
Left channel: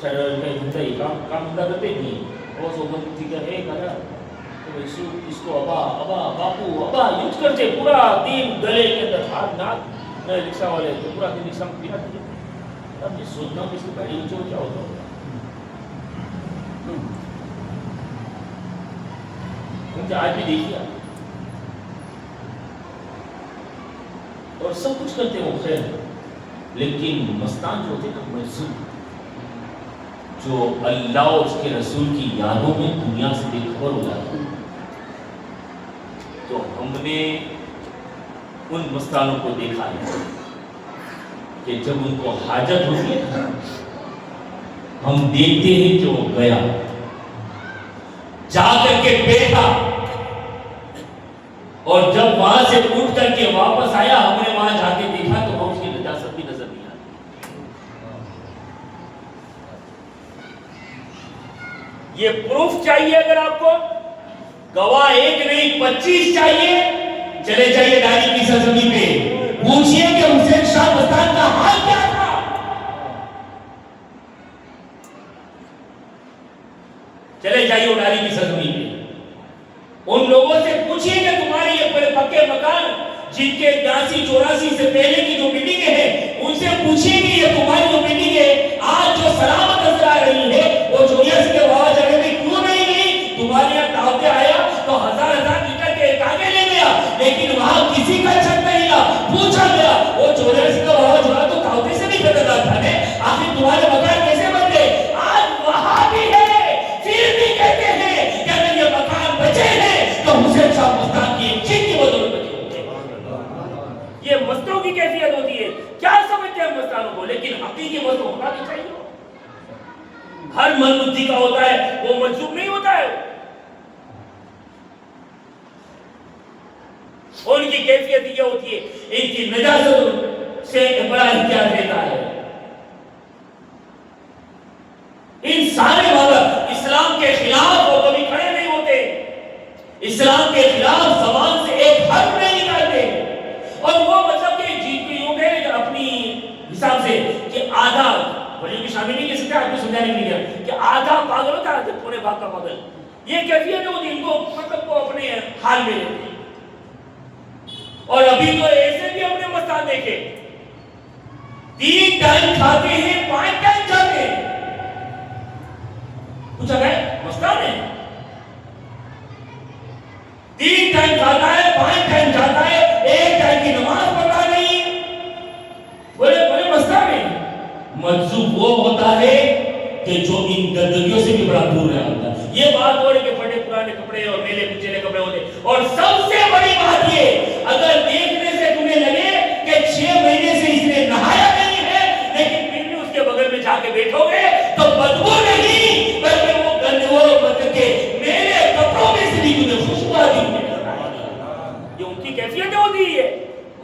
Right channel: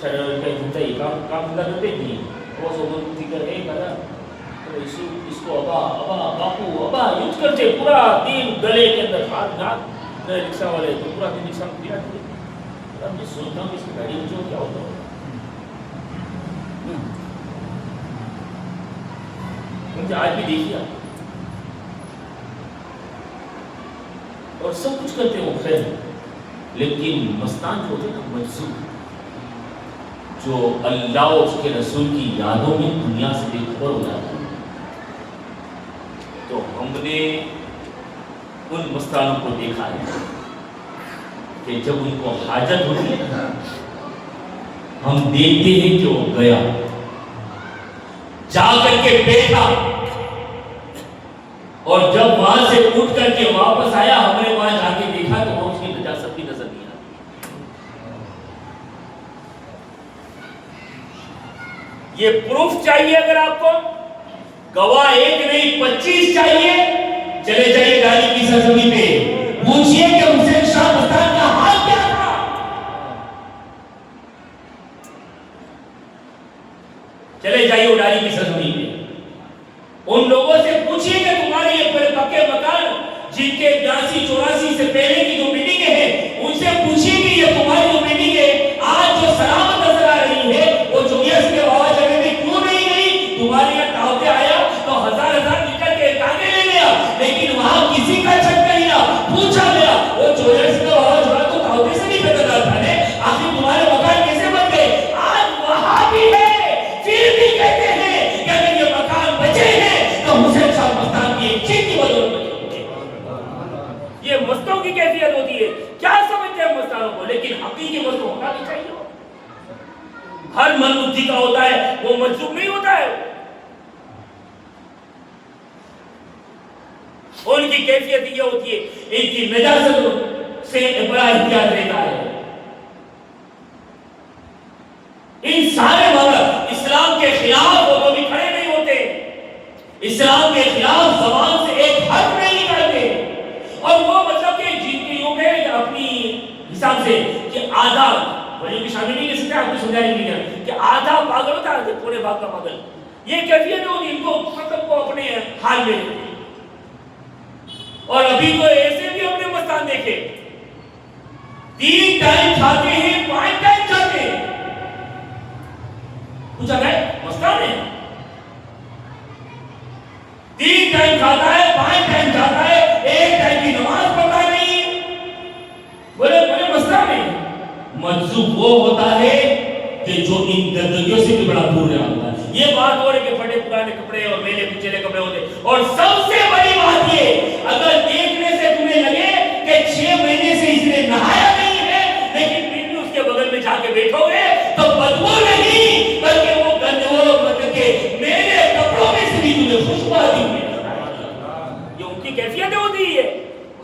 دھندا ہی کام دھندا کرتے نہیں, وہ سو من بدھی کا ہے کہا تو اس کو ابا ابا باپو ابا یوز کرتے پورا دن گلے کے اندر ہاتھ ناک رکشا والے تو پورا دن رکشا میں پھرا دیتے. اب میں سوچتا ہوں کہ اس کے پیڑی بچوں کو کیا ہوتا ہوگا. مجھے آج بھی دیکھیے اور سب کچھ کرتے ہیں وہ خیر, لیکن مستان جو ہوتے ہیں نا مجذوب, جو اللہ اور اس کے رسول کی یادوں میں دنیا سے بے خبر ہو جاتا ہے. تو ہم نے ان مستانوں کو دیکھا ہے کہ جب ان کو حاجت ہوتی ہے نا, ہم دیکھتے ہیں کہ وہ گیا جا کر کے بیٹھا, اور جب وہاں سے اٹھ کر کے واپس آیا ہم نے وہاں جا کے دیکھا تو ہم اس کی نجاست بھی نظر نہیں آتی. یہ پروف چاہیے اگر آپ کو, گواہ 1 نہیں 25 چاہیے, چلے جائیے داعی کی سرزمین پہ, پوچھئے کہ حسین شاہ مستان کا حال کیا تھا. چلے جائیے اڈاری کی سرزمین پہ, ان لوگوں سے پوچھئے کہ تمہارے یہ بڑے پکے مکان جن کے 82-84 سے پہلے کی جو بلڈنگیں ہیں, ان سے پوچھئے کہ یہ تمہاری جو بلڈنگ ہے آج جو سلامت نظر آ رہی ہے اس کے بعد جگہ میں کیوں نہیں گئی؟ تمہارے یہاں دعوتیں آیا تو ہزار لیٹر کے تانے لے لیا، لیکن وہاں کسی کا چھٹ نہیں رہا۔ پوچھا گیا وہ چوریس کا وہاں تو دعوتے سے نہیں پیدا تھا نے، آخر تمہارے مکان کیسے بن گئے؟ آج وہاں بھی ہے، پھر بھی کہتے ہیں کہ اگر یہ مکان بچے ہیں تو حسین شاہ مستان کی ایک چیز کی بدولت بچے ہوتے ہیں۔ یہ مستوں کی کیفیت ہوتی ہے، کیا سمجھتے ہیں مستانوں کو، لیکن حقیقی مست ہونا بھی چاہیے۔ ہر من بدھی کا ہوتا ہے، وہ مجذوب نہیں ہوتا ہے۔ ان کی کیفیت یہ ہوتی ہے، ان کی نجاست سے بڑا احتیاط رہتا ہے۔ ان سارے مگر اسلام کے خلاف ہو تو بھی کھڑے نہیں ہوتے، اسلام کے خلاف زبان سے ایک حرف نہیں نکالتے، اور وہ مطلب کہ جیت بھی ہوں گے اپنی حساب سے کہ آدھا ولیوں کی شامل نہیں کر سکتے، آپ کو سمجھانے کے لیے کہ آدھا پاگل ہوتا ہے پورے باغ کا پاگل، یہ کیفیت ہوتی ہے ان کو، مطلب وہ اپنے حال میں لیتے ہیں۔ اور ابھی تو ایسے بھی اپنے مستان دیکھے، 3 ٹائم کھاتے ہیں 5 ٹائم جاتے ہیں، کچھ اگر مستان ہے 3 ٹائم کھاتا ہے 5 ٹائم جاتا ہے، 1 ٹائم کی نماز پڑھتا نہیں، بولے مستان ہے۔ مجذوب وہ ہوتا ہے کہ جو ان گندگیوں سے بھی بڑا دور رہا ہوتا ہے۔ یہ بات ہو رہی کہ پھٹے پرانے کپڑے اور میلے کچیلے کپڑے ہوتے، اور سب سے بڑی بات یہ، اگر دیکھنے سے تمہیں لگے کہ 6 مہینے سے اس نے نہایا نہیں ہے، لیکن پھر بھی اس کے بغل میں جا کے بیٹھو گے تو بدبو نہیں بلکہ وہ مطلب کہ میلے کپڑوں میں سے بھی تمہیں خوشبو آتی ہے۔ یہ ان کی کیفیت ہوتی ہے۔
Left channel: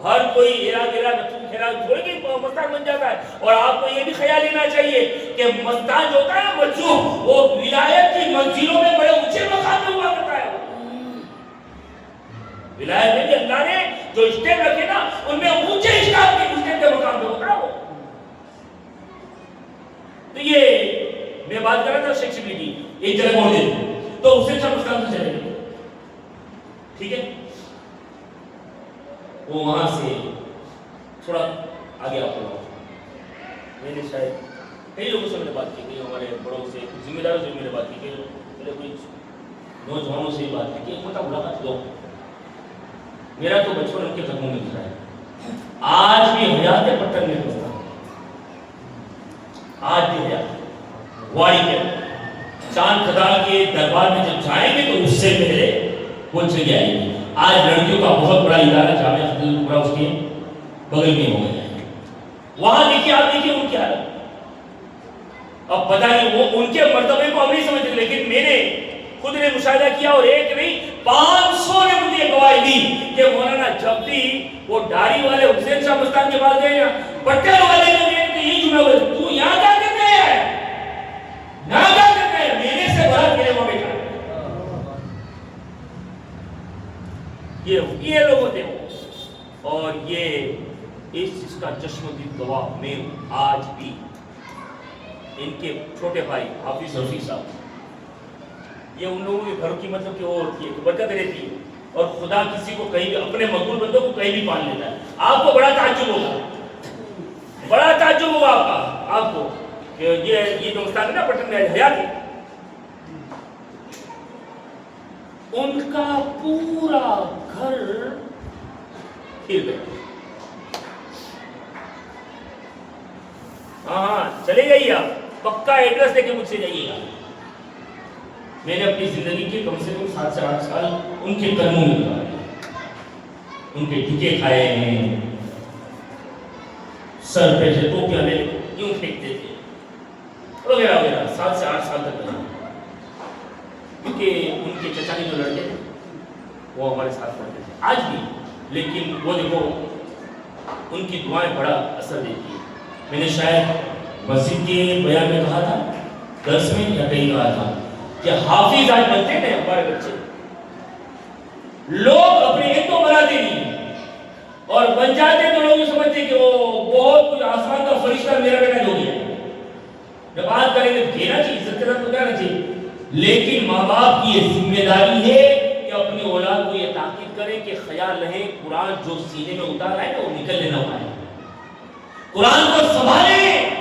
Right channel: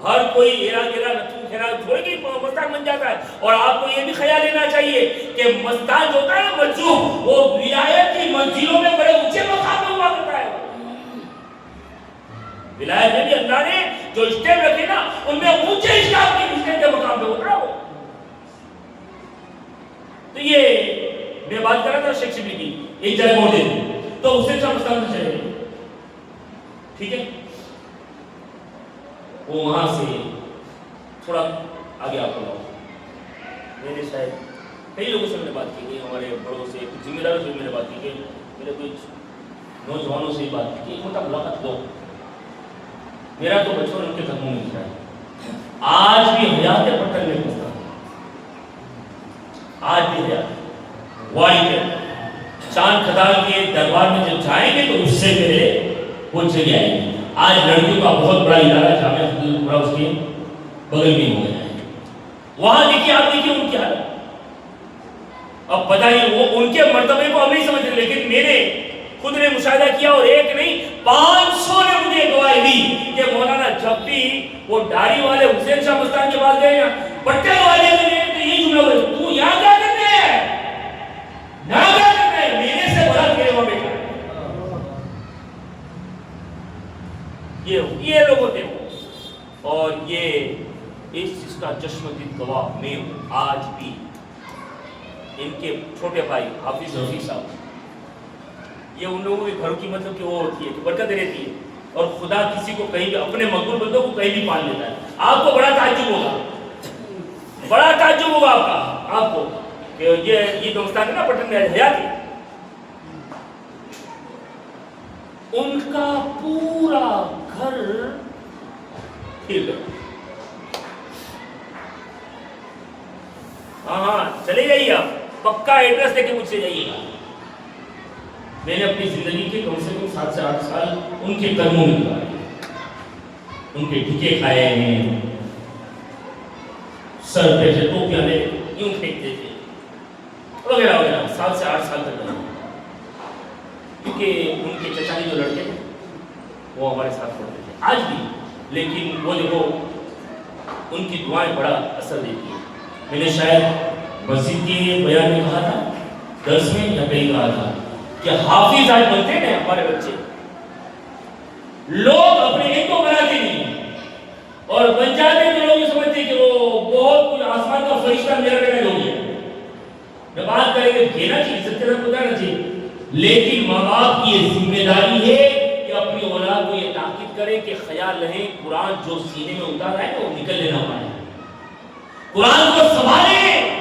ہر کوئی ہیرا گیرا نتھو کھیرا تھوڑے کہ مستان بن جاتا ہے، اور آپ کو یہ بھی خیال لینا چاہیے کہ مستان جو ہوتا ہے نا مجذوب، وہ ولایت کی منزلوں میں بڑے اونچے مقام پہ ہوا کرتا ہے۔ ولایت میں بھی اللہ نے جو اسٹیپ رکھے نا ان میں اونچے اسٹیپ کے مقام پہ ہوتا ہے وہ۔ تو یہ میں بات کر رہا تھا شیخ شبلی کی ایک جگہ اور دے تو حسین شاہ مستان سے چلے، ٹھیک ہے، وہ وہاں سے تھوڑا آگے آپ کو میں نے شاید کئی لوگوں سے میں نے بات کی گئی، ہمارے بڑوں سے، کچھ ذمہ داروں سے میں نے بات کی گئی، میرے کچھ نوجوانوں سے بات کی کہ ایک ہوتا ملاقات دو، میرا تو بچپن ان کے قدموں میں گزرا ہے، آج بھی حیات پٹن میں گزرا ہے، آج بھی حیات واڑی کے چاند کھدال کے دربار میں جب جائیں گے تو اس سے پہلے وہ جگہ آئے گی۔ آج لڑکیوں کا بہت بڑا ادارہ جامعہ فتح پورا اس کے بغل میں ہو گیا ہے، وہاں دیکھیے آپ دیکھیے ان کی حالت۔ اب پتہ نہیں وہ ان کے مرتبے کو ہم نہیں سمجھتے، لیکن میرے خود نے مشاہدہ کیا، اور ایک نہیں 500 نے مجھے گواہی دی کہ مولانا جب بھی وہ داڑھی والے حسین شاہ مستان کے پاس گئے نا، پٹے والے نے تو یہ جملہ ہوئے، تو یہاں کیا کرتے ہیں، یہاں کیا کرتے ہیں، میرے سے بڑا تیرے وہاں بیٹھا ہے۔ یہ لوگ ہوتے ہیں، اور یہ اس چیز کا چشمدید گواہ میں ہوں۔ آج بھی ان کے چھوٹے بھائی حافظ رفیق صاحب، یہ ان لوگوں کے گھروں کی مطلب کہ وہ ہوتی ہے کہ برکت رہتی ہے، اور خدا کسی کو کہیں بھی اپنے مقبول بندوں کو کہیں بھی پال لیتا ہے۔ آپ کو بڑا تعجب ہوگا، بڑا تعجب ہوگا آپ کو کہ یہ دوستان ہے نا پٹن میں حیاتی، ان کا پورا گھر پھر گیا۔ ہاں چلے جائیے، آپ پکا ایڈریس لے کے مجھ سے جائیے گا۔ میں نے اپنی زندگی کے کم سے کم 7 سے 8 سال ان کے قدموں میں گزارے، ان کے ٹھیکے کھائے ہیں، سر پہ سے ٹوپیاں لے یوں پھینکتے تھے وغیرہ وغیرہ، 7 سے 8 سال تک رہے، کیونکہ ان کے چچا کے جو لڑکے تھے وہ ہمارے ساتھ پڑھتے تھے آج بھی، لیکن وہ دیکھو ان کی دعائیں بڑا اثر دیتی ہیں۔ میں نے شاید مسجد کے بیان میں کہا تھا، درس میں یا کہیں کہا تھا کہ حافظ آج بنتے ہیں ہمارے بچے، لوگ اپنے ایک تو بناتے نہیں، اور بن جاتے تو لوگ یہ سمجھتے ہیں کہ وہ بہت کچھ آسمان کا فرشتہ میرا بیٹا جو گیا۔ جب بات کریں گے دینا چاہیے، عزت کے ساتھ بتانا چاہیے، لیکن ماں باپ کی یہ ذمہ داری ہے کہ اپنی اولاد کو یہ تاکید کرے کہ خیال رہے قرآن جو سینے میں اتارا ہے وہ نکل لینا ہونا ہے، قرآن کو سنبھالیں۔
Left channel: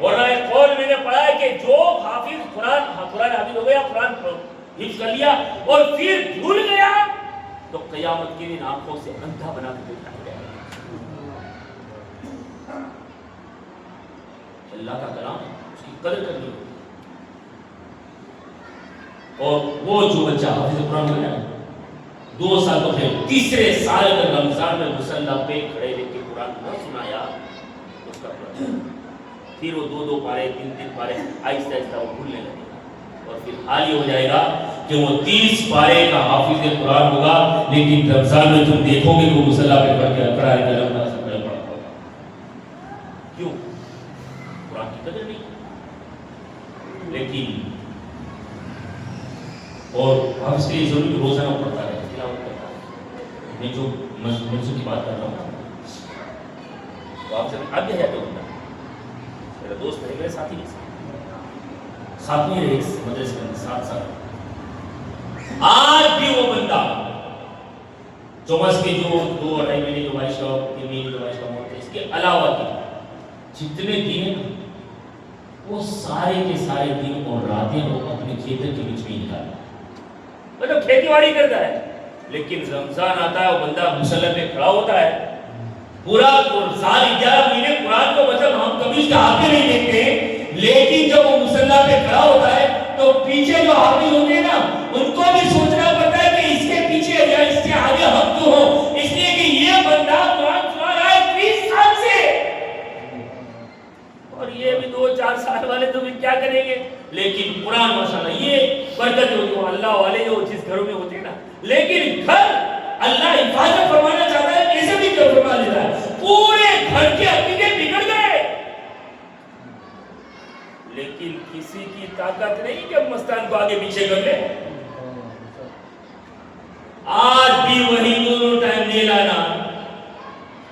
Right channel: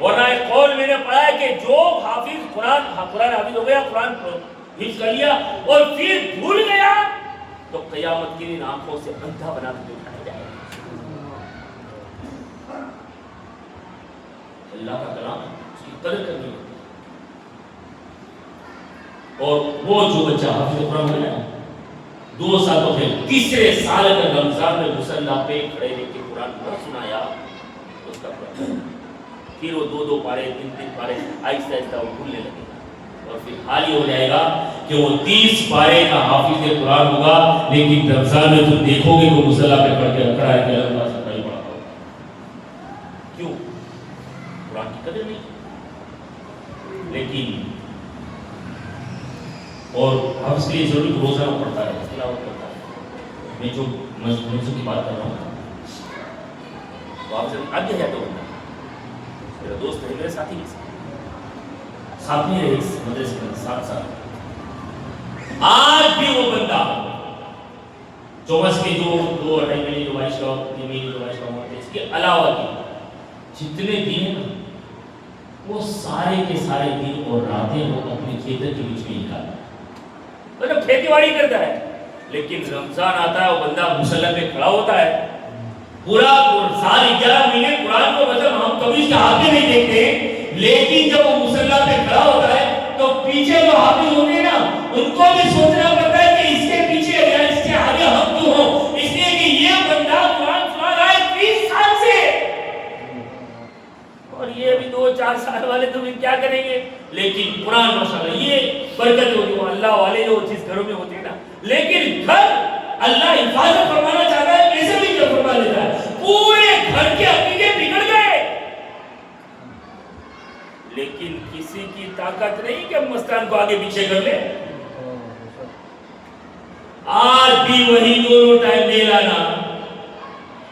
ورنہ ایک قول میں نے پڑھا ہے کہ جو حافظ قرآن حافظ ہو گیا، قرآن حفظ کر لیا اور پھر بھول گیا، تو قیامت کے دن آنکھوں سے اندھا بنا کے اٹھایا جائے گا۔ اللہ کا کلام اس کی قدر کرنی ہوتی ہے۔ اور وہ جو بچہ حافظ قرآن بنا 2 سال تو پھر تیسرے سال اگر رمضان میں مصلی پہ کھڑے رہ کے قرآن نہ سنایا تو اس کا قرآن پھر وہ 2 پارے 3 پارے آہستہ آہستہ وہ بھولنے لگے گا، اور پھر حال یہ ہو جائے گا کہ وہ 30 پارے کا حافظ قرآن ہوگا، لیکن رمضان میں تم دیکھو گے وہ مصلی پہ کھڑ کے کھڑا ہے کہ اللہ سے پڑھ پڑا ہوگا۔ کیوں؟ قرآن کی قدر نہیں۔ لیکن اور حافظ کے لیے ضروری روزانہ پڑھتا ہے، تلاوت کرتا ہے۔ میں جو مجلسوں کی بات کر رہا ہوں تو آپ سے آگے ہے، تو بندہ میرا دوست ہے، میرے ساتھی نہیں ساتھ میں رہے اس مدرسے کے اندر 7 سال، آج بھی وہ بندہ چوبس کے جو 2-2.5 مہینے جو بارش کا 3 مہینے جو بارش کا ہوا تھا، اس کے علاوہ کے جتنے دن نا وہ سارے کے سارے دن اور راتیں وہ اپنے کھیتر کے بیچ میں نکالتا، مطلب کھیتی باڑی کرتا ہے، لیکن رمضان آتا ہے وہ بندہ مصلی پہ کھڑا ہوتا ہے، پورا سال 11 مہینے قرآن کو مطلب ہم کبھی اس کے ہاتھ میں نہیں دیکھتے، لیکن جب وہ مصلی پہ کھڑا ہوتا ہے تو پیچھے جو حافظ ہوتے ہیں نا ان کو بھی سوچنا پڑتا ہے کہ اس کے پیچھے یا اس کے آگے ہم کیوں ہوں، اس لیے کہ یہ بندہ قرآن سنا رہا ہے 20 سال سے، اور یہ بھی 2-4 سال والے تو بھی کیا کریں گے، لیکن قرآن ماشاءاللہ یہ برکت ہوگی، وہ اللہ والے جو جس گھروں میں ہوتے ہیں نا، لیکن گھر اللہ حفاظت فرمانا چاہتا ہے، کیسے بھی کیا فرما لیتا ہے، پورے گھر کے عقیدے بگڑ گئے، لیکن کسی کی طاقت نہیں کہ مستان کو آگے پیچھے کر لے۔ آج بھی وہی دونوں ٹائم دے لانا،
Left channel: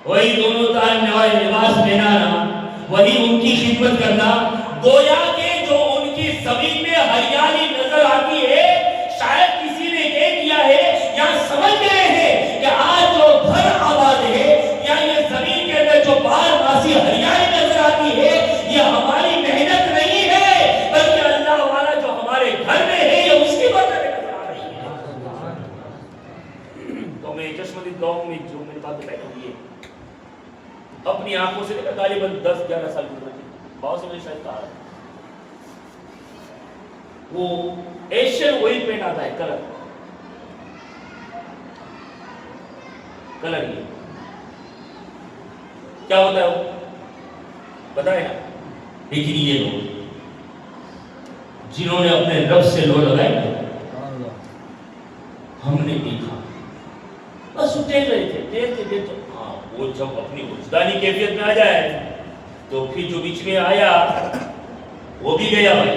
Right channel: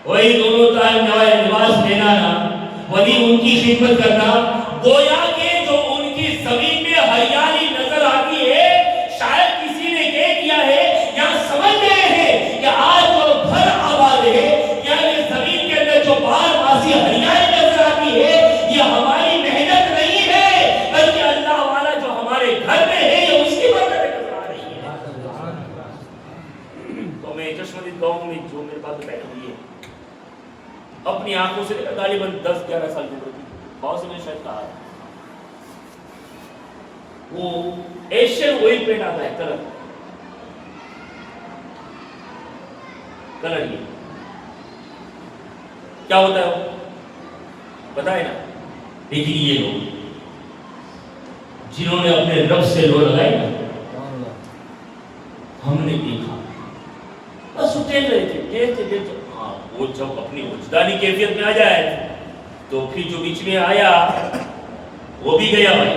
وہی دونوں ٹائم لباس پہنانا، وہی ان کی خدمت کرنا، گویا کہ جو ان کی زمین میں ہریالی نظر آتی ہے، شاید کسی نے یہ کیا ہے یا سمجھ گئے ہیں کہ آج جو گھر آباد ہے یا یہ زمین کے اندر جو بار ماسی ہریالی نظر آتی ہے، یہ ہماری محنت نہیں ہے، بلکہ اللہ والا جو ہمارے گھر میں ہے یہ اس کی برکت نظر آ رہی ہے۔ تو میں چشمدید گاؤں میں جو میرے بات بتائی ہوئی ہے، اپنی آنکھوں سے دیکھا، غالباً 10-11 سال کی عمر تھی، بہت سے میں شاید کہا ہے، وہ ایشین آئل پینٹ آتا ہے، کلر یہ کیا ہوتا ہے وہ پتا ہے نا، لیکن یہ لوگ جنہوں نے اپنے رب سے لو لگائی نا، ہم نے دیکھا بس ٹیک رہے تھے، دیکھتے ہاں، وہ جب اپنی وجدانی کیفیت میں آ جائے تو پھر جو بیچ میں آیا وہ بھی گیا بھائی،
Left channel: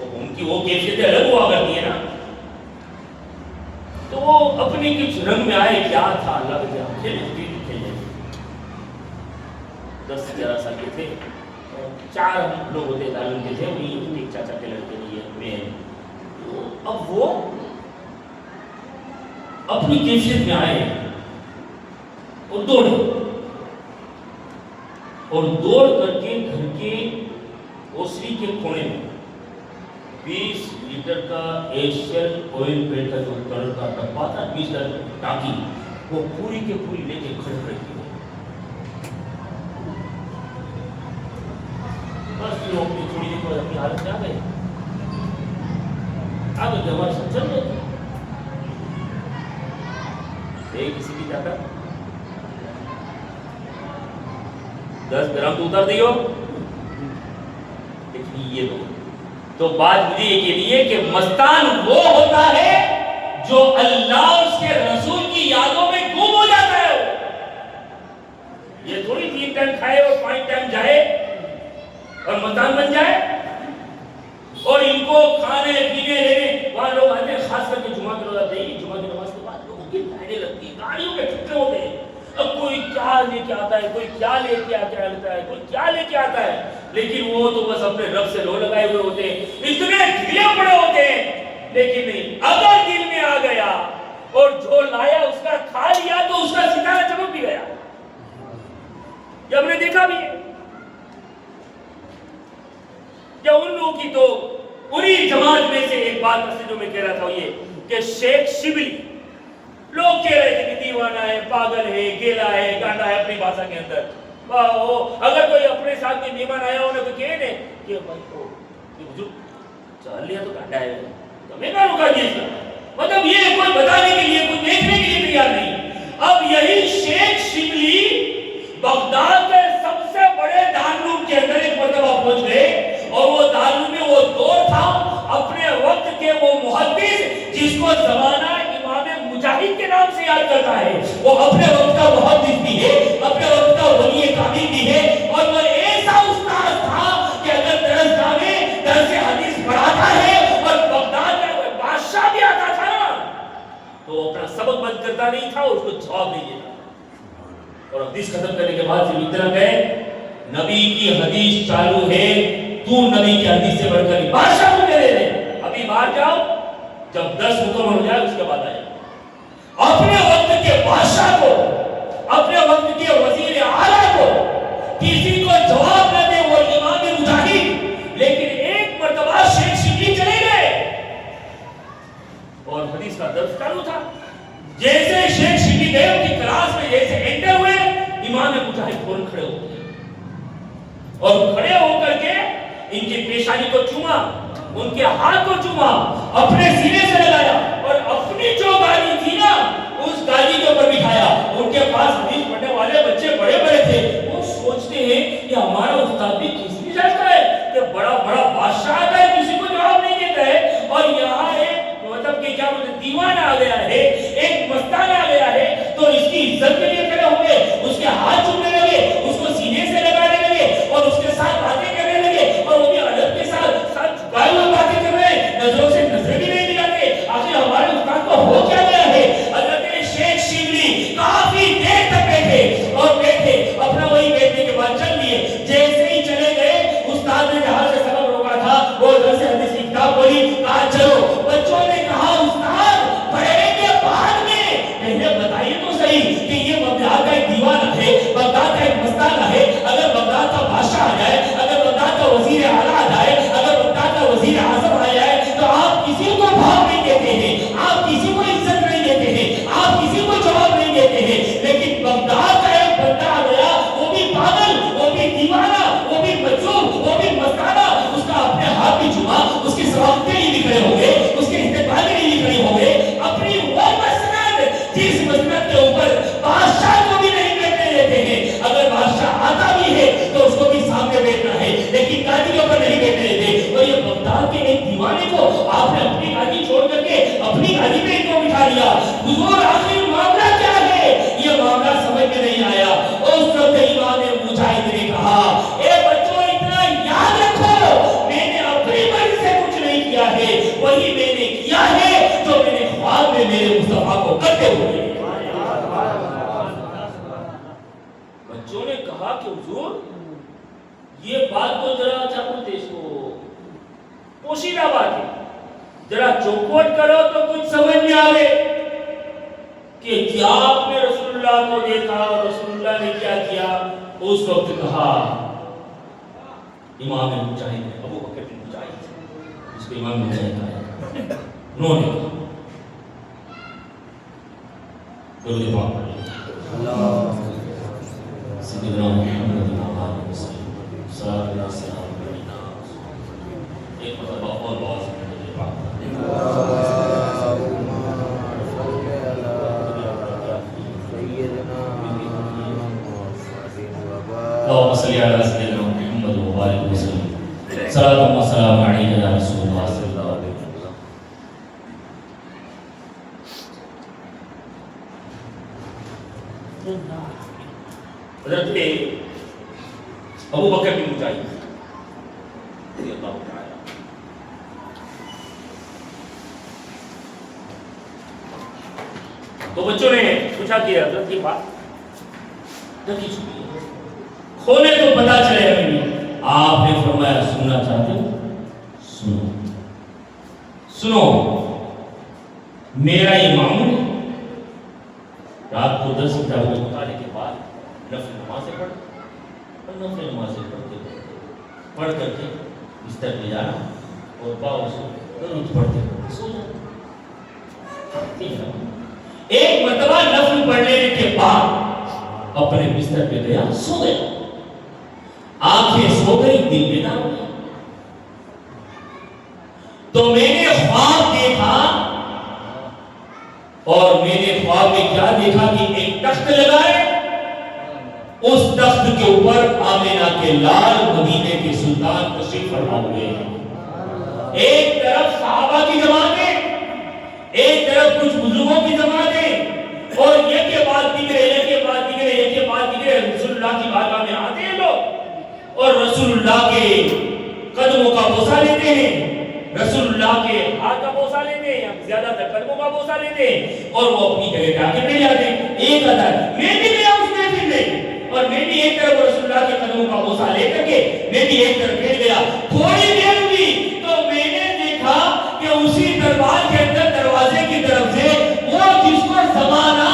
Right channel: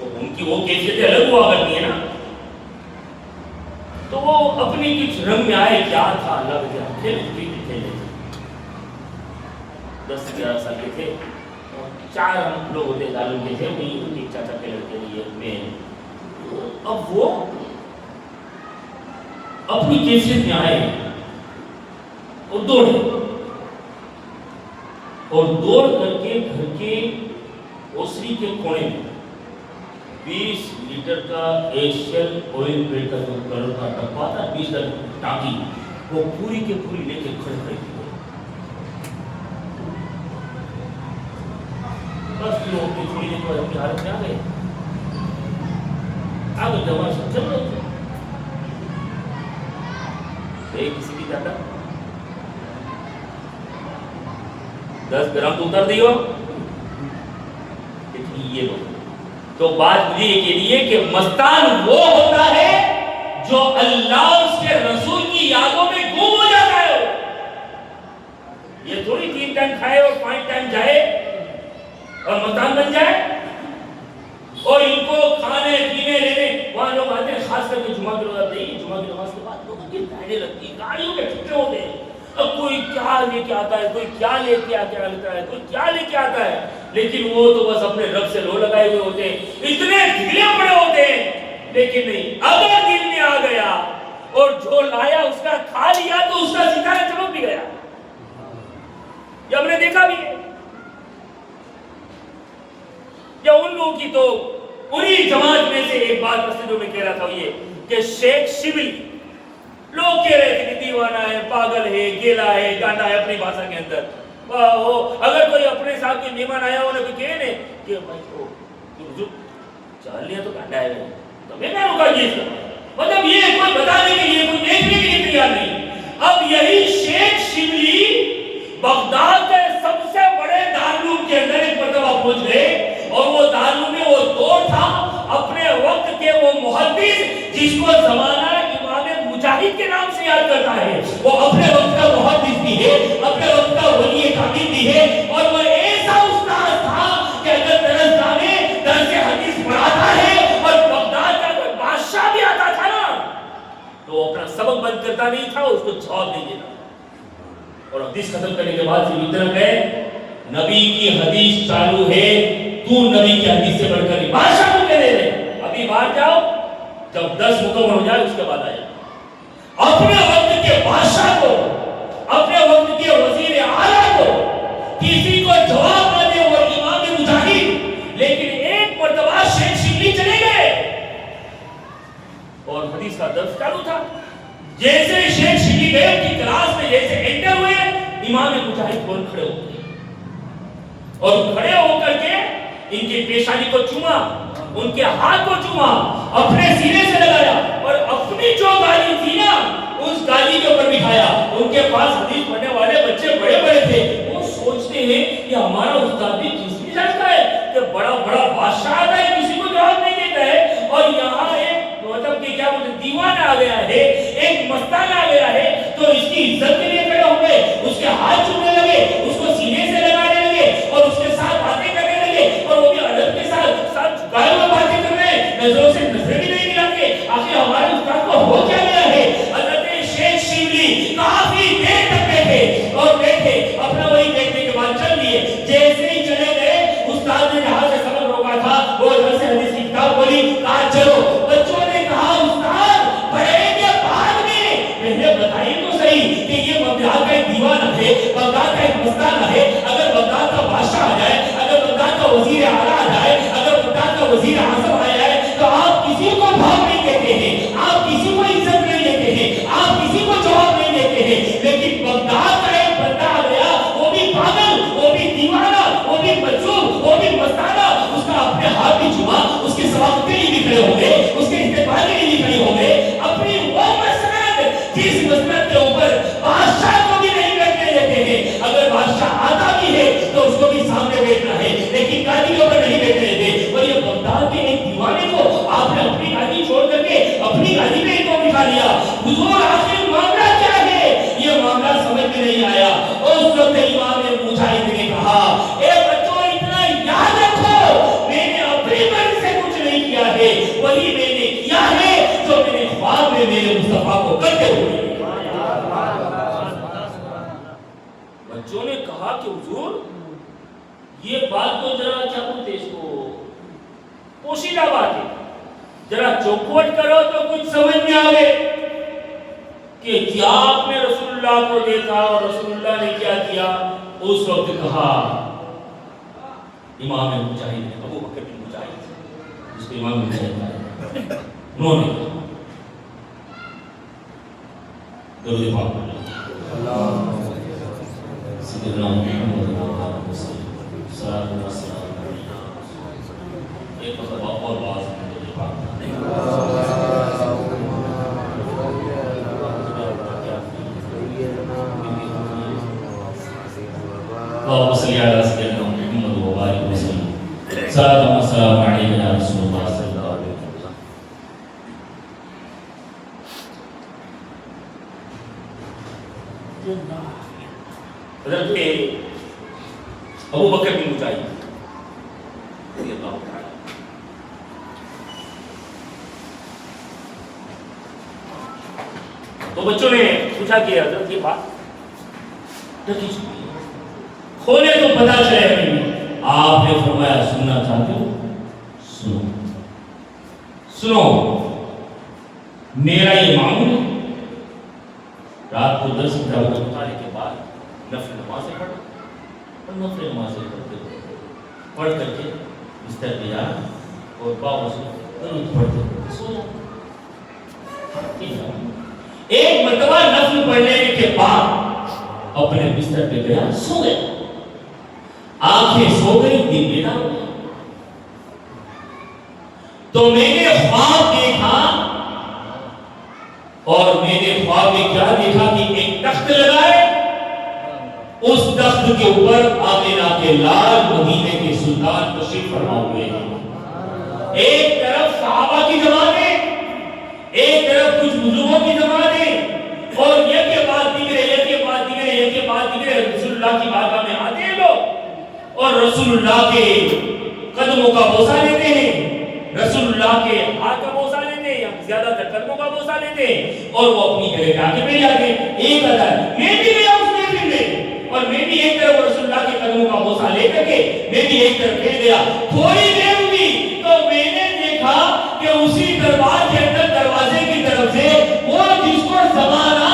ان کی وہ کیفیتیں الگ ہوا کرتی ہیں نا، تو وہ اپنی کچھ رنگ میں آئے، کیا تھا اللہ کے ہم کھیلے تھے 10-11 سال کے تھے، اور 4 ہم لوگ ہوتے تعلیم کے تھے، وہی ایک چاچا کے لڑکے نے یہ میں، اب وہ اپنی کیفیت میں آئے اور دوڑ کر کے گھر کے اوسری کے کونے میں 20 لیٹر کا ایشین آئل پینٹ کا جو کلر کا ڈبہ تھا، 20 لیٹر ٹانکی، وہ پوری کے پوری لے کے کھڑے کی بس پھر وہ اپنی تھوڑی دیر اپنی حالت میں آ گئے، آگے ہمارے ساتھ چل رہے تھے، کسی کی طاقت 10 گرام تو اتر دیو، لیکن یہ لوگ تو بات مجھے یہ کہنی ہے کہ مستان وہ ہوتا ہے جو اللہ اس کے رسول کی یادوں میں گم ہو جاتا ہے، یہ تھوڑی 3 ٹائم کھائے اور 5 ٹائم جائے اور مستان بن جائے، اور ان کو کھانے پینے رہنے، وہاں لوگ آتے ہیں خاص کر کے جمعہ کی روز آتے ہیں، جمعہ کی نماز کے بعد لوگوں کی لائنیں لگتی ہیں، گاڑیوں کے ٹھکے ہوتے ہیں، اب کوئی کیا لے کے آتا ہے، کوئی کیا لے کے آتا ہے، کوئی کیا لے کے آتا ہے، لیکن وہ تو بس اپنے رب سے لو لگائے ہوئے ہوتے ہیں، اتنے ڈھیلے پڑے ہوتے ہیں، لیکن نہیں، اگر دل میں آ گیا اور جو لایا اس کا کھا لیا تو اس کا ستارہ چمک بھی گیا، یہ ہم نے دیکھا بھی ہے، کہ ان لوگوں کی تو انہی جماعت میں سے ایک بات اصل جو میں کہہ رہا تھا وہ یہ کہ شیخ شبلی لوگ کہہ رہے تھے کہ دیوانہ ہے، پاگل ہے، گیلا ہے، گانڈا ہے اپنی بھاشا کے اندر. اگر کوئی اپنے ساتھ کوئی مہمان آیا ہو کوئی کہے نا کہ بھائی تو چل لیا تو گانڈا ہے تو میں کہا رکا جی اس کا مطلب یہ کوئی بتانے کے لیے کوئی دیکھنے کے لیے تیار نہیں. اب یہی شیخ شبلی بغداد کے سب سے بڑے دارالعلوم کے اندر ایک مرتبہ پہنچ گئے اور وہ دارالعلوم میں وہ دور تھا اپنے وقت کے وہ محدث جس کو زمانہ امام مجاہد کے نام سے یاد کرتا ہے، وہ اپنے وقت کا محدث بھی ہے، اپنے وقت کا ولی کامل بھی ہے اور وہ ایسا استاد تھا کہ اگر درسگاہ میں درس حدیث پڑھاتا ہے اور بغداد کا کوئی بادشاہ بھی آتا تھا نا تو وہ اپنا سبق بند کرتا نہیں تھا، اس کو جواب نہیں دیتا. اور حدیث ختم کرنے کے بعد صرف اتنا کہے نبی کی حدیث چالو ہے، تو نبی کی حدیث سے بڑھ کر بادشاہ کو کہہ دے ابھی باہر جاؤ، جب 10 مکمل ہو جائے اس کے بعد آئے. اپنے وقت کے بادشاہ کو، اپنے وقت کے وزیر اعلیٰ کو کسی کو جواب نہ دے وہ امام مجاہد. لیکن ایک مرتبہ شیخ شبلی چلے گئے اور حدیث کا درس چالو تھا. جیسے شیخ شبلی گئے ان کی کلاس میں جیسے انٹر ہوئے امام مجاہد فوراً کھڑے ہو گئے اور کھڑے ہو کر کے ان کی پیشانی کو چوما، ان کے ہاتھ کو چوما، اپنے سینے سے لگایا اور اپنی جو گالی تھی نا اس گالی کے اوپر بٹھایا. ان کے پاس حدیث پڑھنے والے بچے بڑے بڑے تھے، وہ سوچتے ہیں کہ ہمارا استاد بھی کس بھی جاتا ہے کہ بڑا بڑا بادشاہ آتا ہے کسی کو جواب نہیں دیتا ہے اور یہاں ایک مطلب کہ کیا بولتے دیوانہ آ گیا ہے، ایک مستان آ گیا ہے تو اس کی عزت کے لیے کھڑے ہو گئے، اس کے ہاتھ چومنے لگے، اس کو سینے سے لگانے لگے اور اس کے ساتھ باتیں کرنے لگے اور وہ بھی ادب کے ساتھ جھکائے ہوئے باتیں کر رہے ہیں، نظروں سے نظریں بھی نہیں ملاتے. آخر ہمارے استاد کو ہو کیا گیا ہے؟ حضرت شیخ شبلی کافی دیر تک بیٹھے اور بیٹھے اپنا وہی بیٹھنے کے بعد چل لیے. جیسے ہی چلے گئے استاد نے جہاں سے سبق روکا تھا وہ ادھر سے حدیث کی کتاب کھولی، کہا چلو. بچوں نے کہا استاد پڑھیں گے بعد میں، پہلے بتائیے تو صحیح کہ یہ بغداد کا ایک دیوانہ ہے، بغداد کا ایک مستانہ ہے، اگر بغداد کا بادشاہ آ جائے، اگر بغداد کا وزیر اعلیٰ آ جائے، اگر بغداد کا وزیر اعظم آ جائے تو آپ کسی کو بھاگ نہیں دیتے ہیں، آپ کسی کو عزت نہیں دیتے ہیں، آپ کسی کو جواب نہیں دیتے ہیں. لیکن بغداد کا ایک بندہ آ گیا، وہ بھی پاگل، وہ بھی دیوانہ، وہ بھی مجنون، وہ بھی مستانہ، اس کا اپنے ہاتھ بھی چوما، اس کی سواقتیں نہیں بھی کھڑے ہو گئے، اس کے استقبال نہیں بھی کھڑے ہو گئے. اپنی وہ مسند جس مسند کے اوپر بادشاہ کو بھی نہیں بیٹھنے دیتے ہیں، اگر بادشاہ آتا بھی ہے تو اس کو بھی سامنے بیٹھنا ہے لیکن گاڑی کے اوپر نہیں بیٹھنے دیتے. اور یہ بغداد کے ایک دیوانے کو آپ نے اپنی گاڑی چھوڑ کر کے اپنی گاڑی میں ان کو بٹھا لیا. حضور آخر معاملہ کیا ہے؟ یہ معاملہ سمجھ میں نہیں آیا. اس وقت امام مجاہد نے کہا اے بچوں اتنا یاد رکھو میں نے اپنی مرضی سے کچھ نہیں کیا ہے، وہی میں نے کیا ہے جو میں نے خواب میں میرے مصطفیٰ کو کرتے ہوئے. بچوں نے کہا کہ حضور یہ بات تو ذرا کیا بولتے اس کو پوشیدہ بات ہے، ذرا چوکھوٹ کرو تو کچھ سمجھ میں آئے کہ کیا آپ نے رسول اللہ کو دیکھا اور رسول اللہ نے کیا کیا. اس وقت کہا امام مجاہد نے، ابو بکر بن مجاہد جس کو امام مجاہد کہا ہے، انہوں نے درود پاک اللہ سیدنا محمد صلی اللہ علیہ وسلم. ایک مرتبہ اور باز درود پاک اللهم صل على سيدنا محمد وبارك وسلم. صلاة والسلام عليك يا رسول الله صلى الله عليه وسلم. حضرت ابو بکر بن مجاہد رضی اللہ تعالی تو بچوں نے پوچھا کہ حضرت یہ بات ڈکی چکی ہے، کھولے تو پتا چلے نہیں. آپ نے فرمایا سننا چاہتے ہو سنو، سنو میرا یہ معمول ہے رات کو 10 بجے اٹھانے کے بعد نفل نمازیں پڑھ اور نفل نمازیں پڑھ کر کے بستر پہ جانا اور باؤ سے درود پڑھتے سو جانا. ایک مرتبہ نفل پڑھ لینے کے بعد اپنے بستر پہ گیا, سو گیا, آنکھیں سو گئی, دن بیدار ہو گیا. تو میں نے خواب دیکھا, اور میں نے خواب میں کیا دیکھا کہ ایک تخت لگائے, اس تخت کے اوپر آمینہ کے لال مدینے کے سلطان تشریف فرما ہوئے ہیں. ایک طرف صحابہ کی جماعتیں, ایک طرف کچھ بزرگوں کی جماعتیں, اور یہ کے بعد دیگرے, یہ کے بعد دیگرے, یہ کے بعد دیگرے رسول اللہ کی بارگاہ میں آتے ہیں لوگ, اور رسول اللہ کے قدموں کا بوسہ لیتے ہیں, رسول اللہ کے ہاتھ کا بوسہ لیتے ہیں, یا زیادہ تر قدموں کا بوسہ لیتے ہیں, اور وہ اپنی جگہ جا کے بیٹھ جاتے ہیں. ایک ادھر میں بھی گیا اس محفل میں, اور میں بھی ایک طرف رسول اللہ کے قدموں کا بوسہ لے کر کے میں بھی ایک طرف بیٹھ گیا. تھوڑی دیر ہوئی تو میں نے دیکھا کہ اسی دربار کے اندر دروازے کی طرف سے وہ جس کو زمانہ,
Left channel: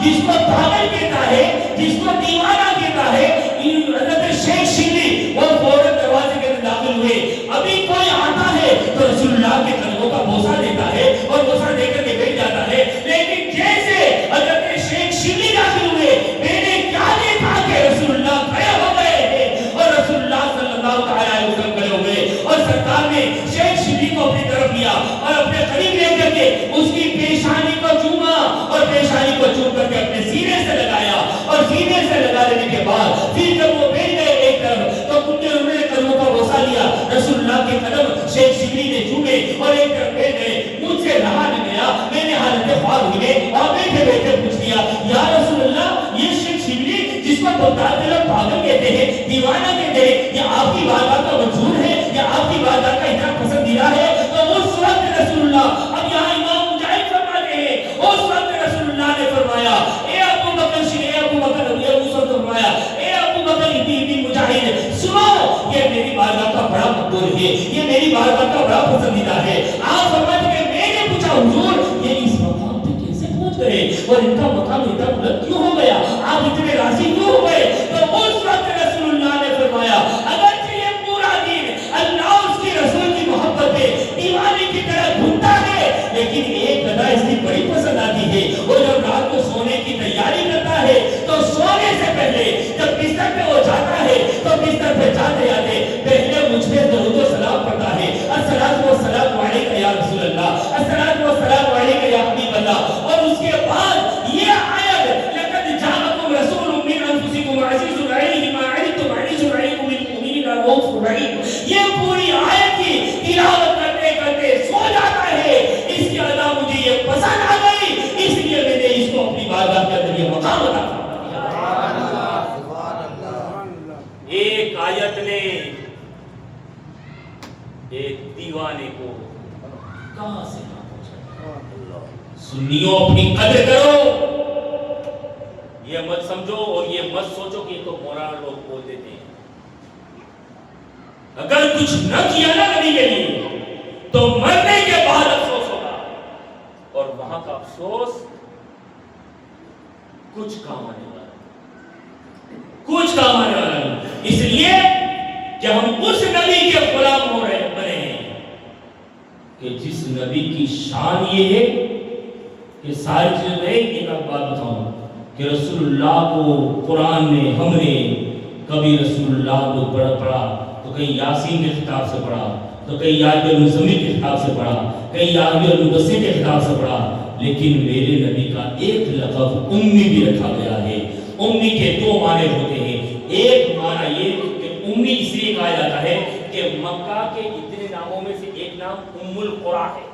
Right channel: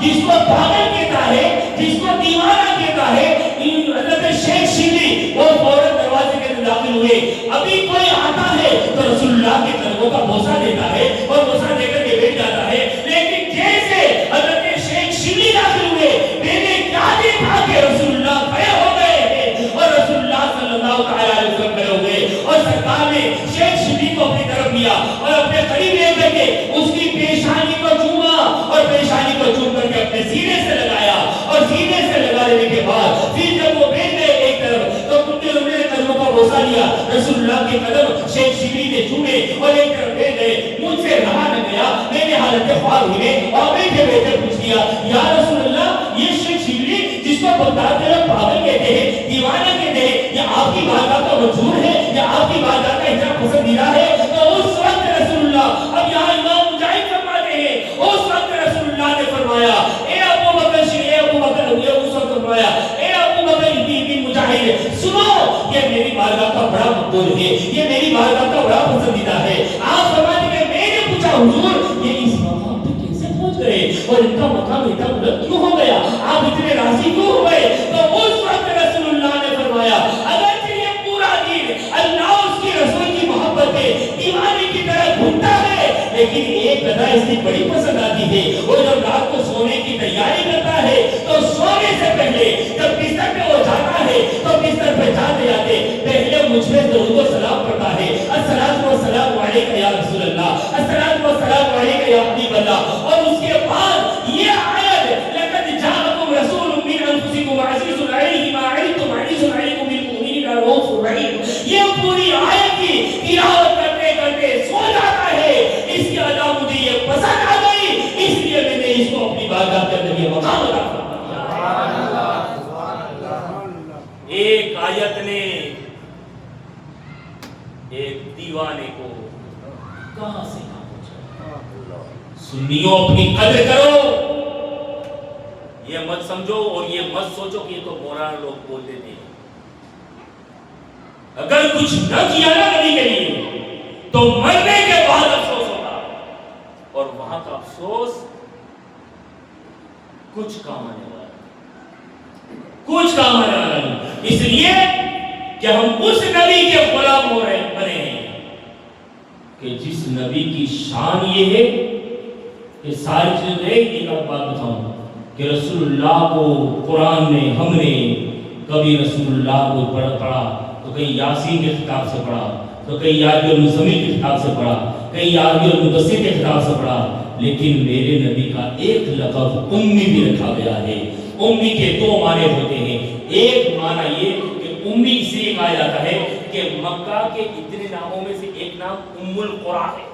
جس کو پاگل کہتا ہے, جس کو دیوانہ کہتا ہے, حضرت شیخ شبلی, وہ فوراً دروازے کے اندر داخل ہوئے. ابھی کوئی آتا ہے تو رسول اللہ کے قدموں کا بوسہ دیتا ہے اور بوسہ دے کر کے بیٹھ جاتا ہے. لیکن جیسے حضرت شیخ شبلی داخل ہوئے, میں نے کیا دیکھا کہ رسول اللہ کھڑے ہو گئے ہیں, اور رسول اللہ صلی اللہ علیہ وسلم کھڑے ہوئے, اور سرکار نے شیخ شبلی کو اپنی طرف لیا اور اپنے قریب لے کر کے اس کی پیشانی کو چوما, اور پیشانی کو چوم کر کے اپنے سینے سے لگایا, اور سینے سے لگا لینے کے بعد پھر جب وہ بیٹھ گئے ایک طرف تو انہوں نے قدموں کا بوسہ لیا. رسول اللہ کے قدم شیخ شبلی نے چومے اور ایک طرف بیٹھ گئے. مجھ سے رہا نہ گیا, میں نے حالت خواب ہوئے اور بیٹھے بیٹھے پوچھ لیا, یا رسول اللہ, یہ شیخ شبلی جس کو بتاتے ہیں پاگل کہتے ہیں, دیوانہ کہتے ہیں, یہ آپ کی بارگاہ کا منظور ہے, یا آپ کی بارگاہ کا اتنا پسندیدہ ہے؟ تو اس وقت رسول اللہ, اب یہاں امام مجاہد فرماتے ہیں, اس وقت رسول اللہ نے فرمایا, اے ابو بکر, اے ابو بکر, اس وقت فرمایا, اے ابو بکر ابن مجاہد, سنو, یہ میری بارگاہ کا بڑا مقبول ہے, یہ میری بارگاہ کا بڑا پسندیدہ ہے. آپ فرماتے ہیں میں نے پوچھا, حضور یہ اس مقام پہ کیسے پہنچ گئے, اور ان کا مقام اتنا بلند کیوں ہو گیا, آپ اتنے راضی کیوں ہو گئے؟ تو اس وقت رسول اللہ نے فرمایا, اگرچہ یہ پورا دین اللہ اس کی رسول کی محبت میں دیوانے کی طرح گھومتا ہے, لیکن ایک ادا اس کی بڑی پسند آتی ہے. وہ جب رات کو سونے کی تیاری کرتا ہے تو سونے سے پہلے جب بستر پہ وہ جاتا ہے تو بستر پہ جاتے جاتے پہلے مجھ پہ درود و سلام کرتا ہے, الصلاۃ والسلام علیک یا رسول اللہ, الصلاۃ والسلام علیک یا حبیب اللہ, اور اس کے بعد یہ آیت, لقد جاءکم رسول من انفسکم عزیز علیہ ما عنتم حریص علیکم بالمؤمنین رؤوف رحیم, یہ پوری آیت کی تلاوت کرتے کرتے سو جاتا ہے. اس کی ادا مجھے یہ پسند آ گئی, اس لیے میں نے اس کو اپنی بارگاہ کے اندر یہ مقام عطا کیا. ایک آیت نے ایک دیوانے کو کہاں سے کہاں پہنچا. سنیوں, اپنی قدر کرو, یہ مت سمجھو اور یہ مت سوچو کہ یہ تو مولانا لوگ بول دیتے ہیں. اگر کچھ نہ کیا نا نبی کے لیے تو مرنے کے بعد افسوس ہوگا, اور وہاں کا افسوس کچھ کام آنے والا, کچھ کام آنے والا نہیں. اس لیے کہ ہم اس نبی کے غلام ہو رہے بنے ہیں کہ جس نبی کی شان یہ ہے کہ ساری چیزیں. ایک بات بتاؤں کہ رسول اللہ کو قرآن نے, ہم نے کبھی رسول اللہ کو پڑھا تو کہیں یاسین کے خطاب سے پڑھا, تو کہیں یاد المزمل کے خطاب سے پڑھا, کہیں یاد المدثر کے خطاب سے پڑھا, لیکن میرے نبی کا ایک لقب امی بھی رکھا گیا ہے. امی کے دو معنی ہوتے ہیں. ایک معنی یہ کہ امی اس لیے کہا جاتا ہے کہ مکہ کے اتنے ناموں میں سے ایک نام ام القرى ہے,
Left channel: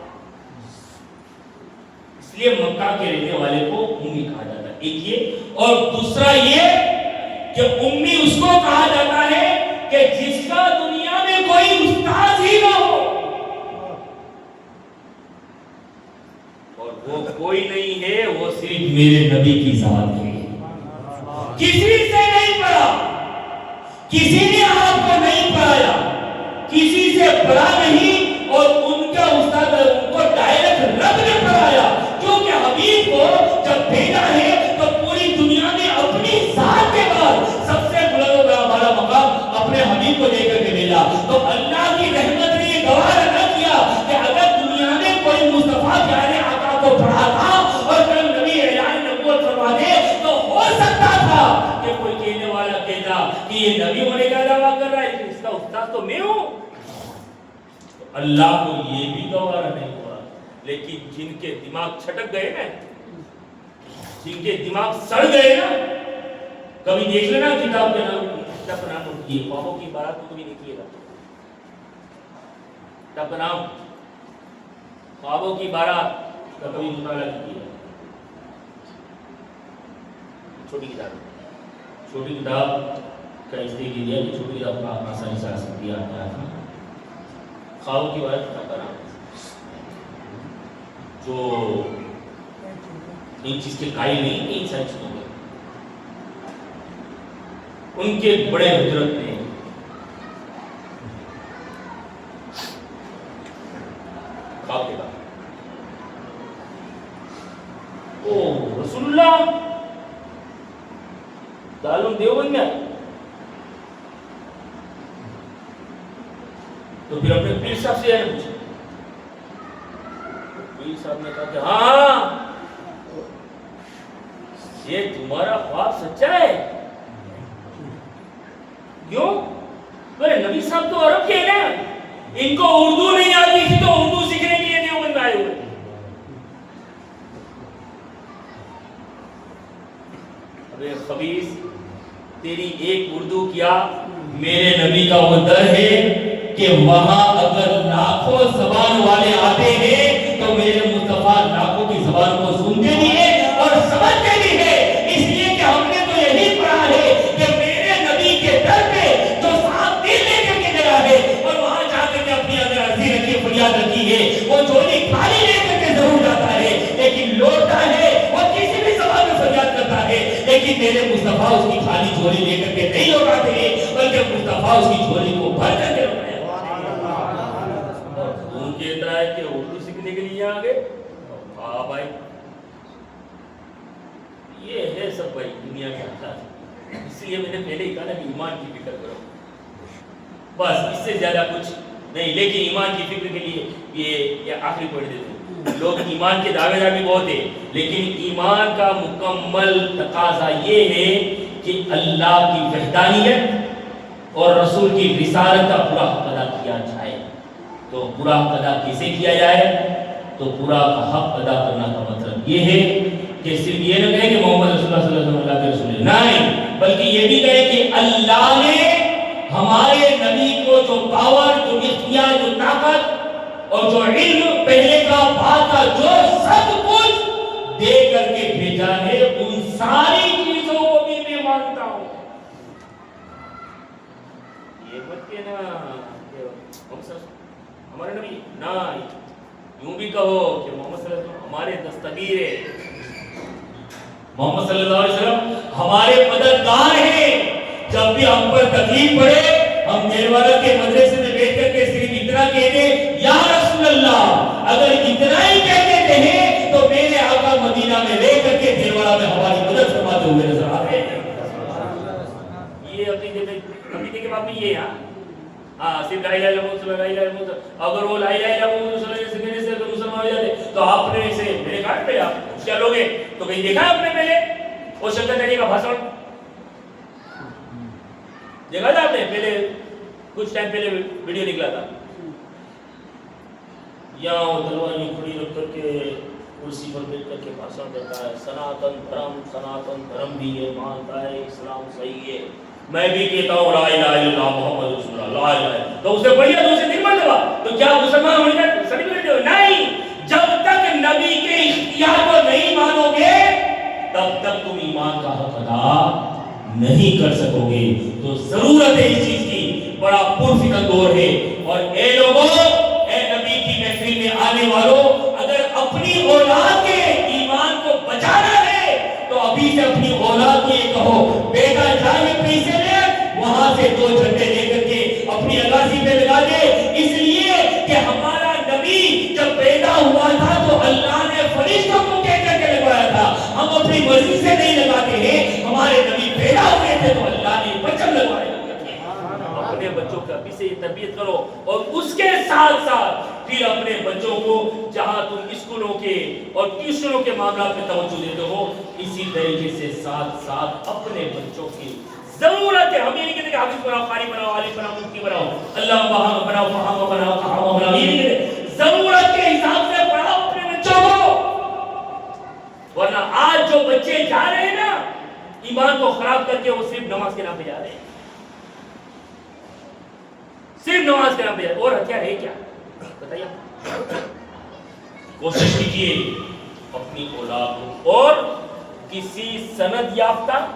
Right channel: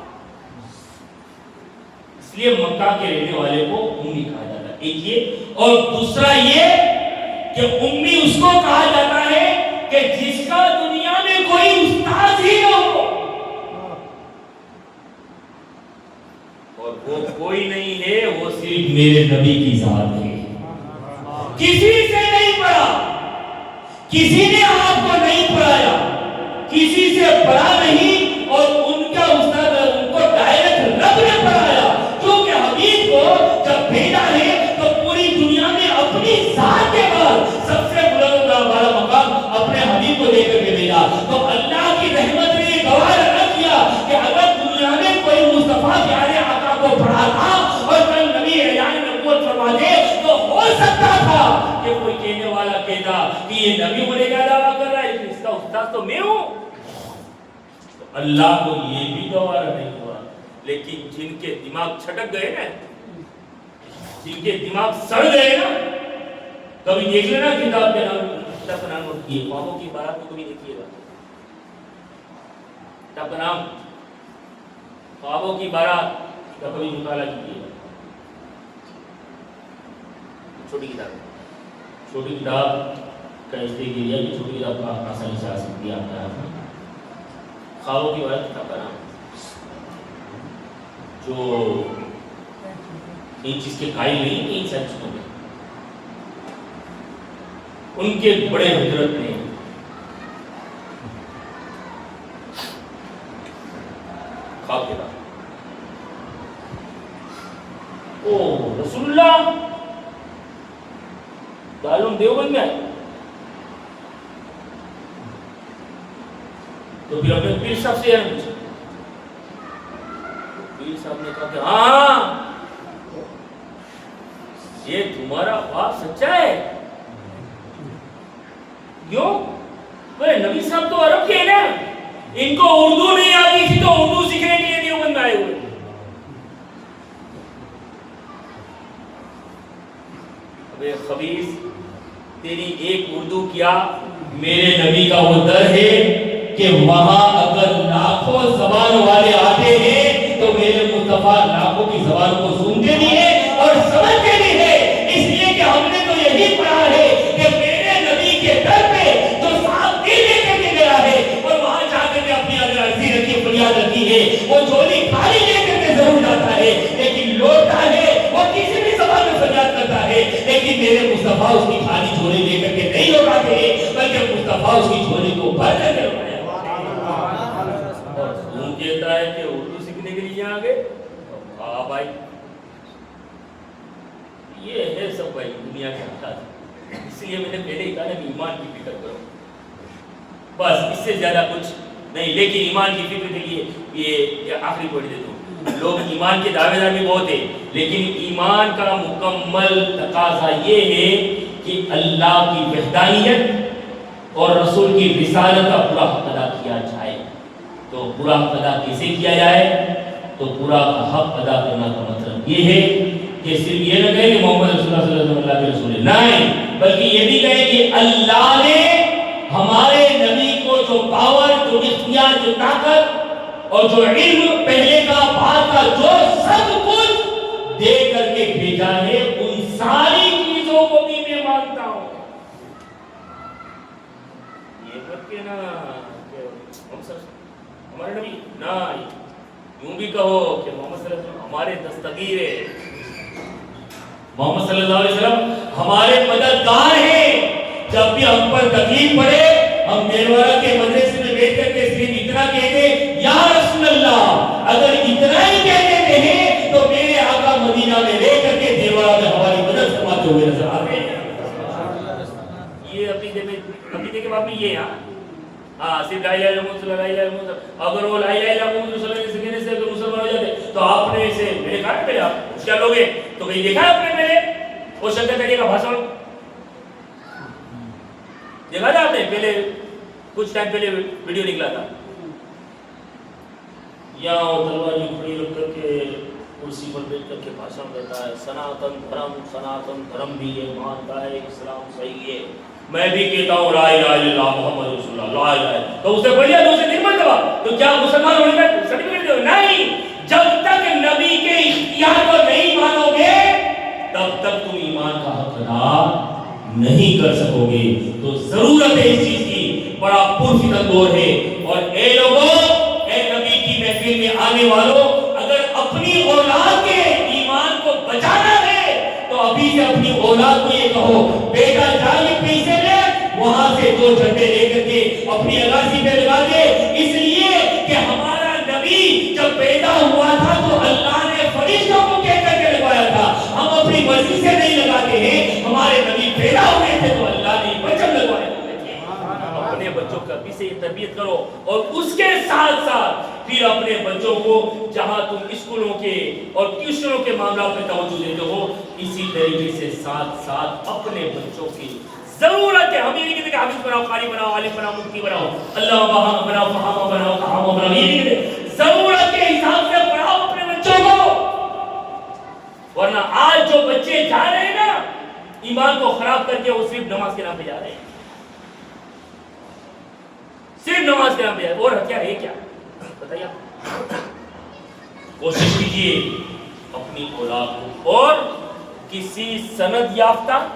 اس لیے مکہ کے رہنے والے کو امی کہا جاتا ہے. ایک یہ, اور دوسرا یہ کہ امی اس کو کہا جاتا ہے کہ جس کا دنیا میں کوئی استاد ہی نہ ہو, اور وہ کوئی نہیں ہے, وہ صرف میرے نبی کی ذات ہے. کسی سے نہیں پڑھا, کسی نے آپ کو نہیں پڑھایا, کسی سے پڑھا نہیں, اور ان کا استاد ان کو ڈائریکٹ رب نے پڑھایا. کیونکہ حبیب کو جب بھیجا ہے تو پوری دنیا نے اپنی ذات کے بعد سب سے بلند و بالا مقام اپنے حبیب کو دے کر کے بھیجا. تو اللہ کی دینے والا کہتا کہ یہ نبی ہونے کا دعویٰ کر رہا ہے لیکن اس کا استاد تو میں ہوں. تو اللہ کو یہ بھی گوارا نہیں ہوا. لیکن جن کے دماغ چھٹک گئے نا, جن کے دماغ سڑ گئے نا, کبھی دیکھ لینا کتاب کا نام نوٹ کیے, خوابوں کی بارات کو کبھی دیکھیے گا. کتاب کا نام خوابوں کی بارات کا کبھی مطالعہ کیجیے گا. چھوٹی کتاب کا اس لیے کیا کہ چھوٹی کتاب کا آسانی سے آ سکتی ہے آپ کا. خوابوں کی بارات کتاب کا نام جو ان چیز کے قائل نہیں ہیں, ان ساری چیزوں میں ان کے بڑے حضرت نے خواب دیکھا, او رسول اللہ دارالعلوم دیوبند میں آئے. تو پھر اپنے پیر صاحب سے پوچھا. پیر صاحب نے کہا کہ ہاں یہ تمہارا خواب سچا ہے. کیوں؟ بولے نبی صاحب تو عرب کے ہیں نا, ان کو اردو نہیں آتی تھی تو اردو سیکھنے کے لیے دیوبند میں آئے ہوئے. ابے خبیث, تیری ایک اردو کیا, میرے نبی کا وہ در ہے کہ وہاں اگر لاکھوں زبان والے آتے ہیں تو میرے مصطفیٰ لاکھوں کی زبان کو سنتے بھی ہیں اور سمجھتے بھی ہیں. اس لیے کہ ہم نے تو یہی پڑھا ہے کہ میرے نبی کے در پہ جو صاحب دل لے کے گیا ہے اور وہاں جا کے اپنی اگر عرضی رکھی فریاد رکھی ہے, وہ جھولی خالی لے کر کے ضرور جاتا ہے لیکن لوٹتا ہے وہ کسی بھی زبان میں فریاد کرتا ہے. لیکن میرے مصطفیٰ اس کی خالی جھولی لے کر کے نہیں لوٹاتے ہیں بلکہ مصطفیٰ اس کی جھولی کو بھر کر کے لوٹایا. اور تم کہتا ہے کہ اردو سیکھنے کے لیے آ گئے. ہاں بھائی, یہ ہے سب بھائی دنیا کے حالات. اس لیے میں نے پہلے ہی کہا نا کہ ایمان کی فکر کرو, بس اس سے زیادہ کچھ نہیں. لیکن ایمان کی فکر کے لیے یہ آخری پوائنٹ دیتا ہوں. لوگ ایمان کے دعوے دار بھی بہت ہیں لیکن ایمان کا مکمل تقاضا یہ ہے کہ اللہ کی وحدانیت اور رسول کی رسالت کا پورا حق ادا کیا جائے. تو پورا حق ادا کیسے کیا جائے؟ تو پورا حق ادا کرنا کا مطلب یہ ہے کہ صرف یہ نہ کہیں کہ محمد رسول اللہ صلی اللہ علیہ وسلم اللہ کے رسول ہے, نہیں, بلکہ یہ بھی کہیں کہ اللہ نے ہمارے نبی کو جو پاور, جو اختیار, جو طاقت اور جو علم پہلے کا بعد کا جو سب کچھ دے کر کے بھیجا ہے, ان ساری چیزوں کو بھی میں مانتا ہوں. یہ مت کہنا کہ ہمارے نبی, نہ یوں بھی کہو کہ محمد صلی اللہ علیہ وسلم ہمارے دستگیر ہے, محمد صلی اللہ علیہ وسلم ہمارے مددگار ہیں. جب بھی ہم پر تکلیف پڑے ہم دیلوارہ کے مدرسے میں بیٹھ کر کے صرف اتنا کہتے یا رسول اللہ, اگر اتنا ہی کہہ دیتے ہیں تو میرے آقا مدینہ میں رہ کر کے دیلوارہ میں ہماری مدد فرماتے ہوئے نظر آ رہے ہیں. یہ عقیدے کے باب میں یہ ہے. ہاں صرف لا الہ الا اللہ صلی اللہ علیہ وسلم, اگر وہ لا الہ الا اللہ صلی اللہ علیہ وسلم سکھنے سے اگر مسلمان ہو جاتے تو آپ نے اسے میں نے کہا پہلے آپ کیا لوگ ہیں تو کہیں دیکھا ہے آپ نے پہلے وہ شنکراچاریہ کا بھاشن دیکھا تھا آپ نے پہلے کچھ ٹائم پہلے ویڈیو نکلا تھا, یا وہ تلوار یوں کھڑی رکھ کر کے کرسی پر بیٹھ کر کے بھاشن دیتا ہے, سناتن دھرم بھی یہ مانتا ہے, اسلام صحیح ہے, میں بھی کہتا ہوں لا الہ الا اللہ محمد رسول اللہ, لا الہ, تو اسے پڑھ لیا تو اسے دن مرتبہ, تو کیا مسلمان ہونے کا سرٹیفکیٹ دو؟ نہیں, جب تک نبی کے اختیار کو نہیں مانو گے تب تک تم ایمان کا حق ادا نہیں کر سکو گے. تو ضرورت ہے اس چیز کی, بڑا پرفتن دور ہے. اور اے لوگوں, اے نبی کی محفل میں آنے والوں, اگر اپنی اولاد کے ایمان کو بچانا ہے تو ابھی سے اپنی اولاد کو یہ کہو بیٹا جا یہ پیسے لے, وہاں سے 2 جھنڈے لے کر کے اپنی اگاسی پہ لگا دے. اس لیے کہ ہمارا نبی جب پیدا ہوا تھا تو اللہ نے فرشتوں کو کہہ کر کے لگوایا تھا, ہم اپنی مرضی سے نہیں لگاتے ہیں. ہمارے نبی پیدا ہوئے تھے تو اللہ نے بچن لگوائے. اپنے بچوں کا بھی سے تربیت کرو اور اس کے ساتھ ساتھ پھر اپنے بچوں کو جہاں تم اسکولوں کے اور ٹیوشنوں کے معاملات میں توجہ دیتے ہو, اسی طریقے سے ساتھ ساتھ اپنے بچوں کی ضرورت ہے. ہم یہ نہیں کہتے کہ حافظ بناؤ, قاری بناؤ, عالم بناؤ, مفتی بناؤ, اللہ وہاں بناؤ, فہامہ بناؤ, کہامہ بناؤ. یہ نہیں کہتے. ضرورت کے حساب سے پڑھاؤ اپنے بچوں کو. ورنہ آج جو بچے جا رہے ہیں نا ایمان کو خراب کر کے, وہ صرف نماز کے نام پہ جا رہے ہیں, صرف نماز کے نام پہ جا رہے ہیں. اور کیا ہے کیا بتائیے آپ. کوشش کیجیے اپنی اولاد کو اور کسی سند یافتہ,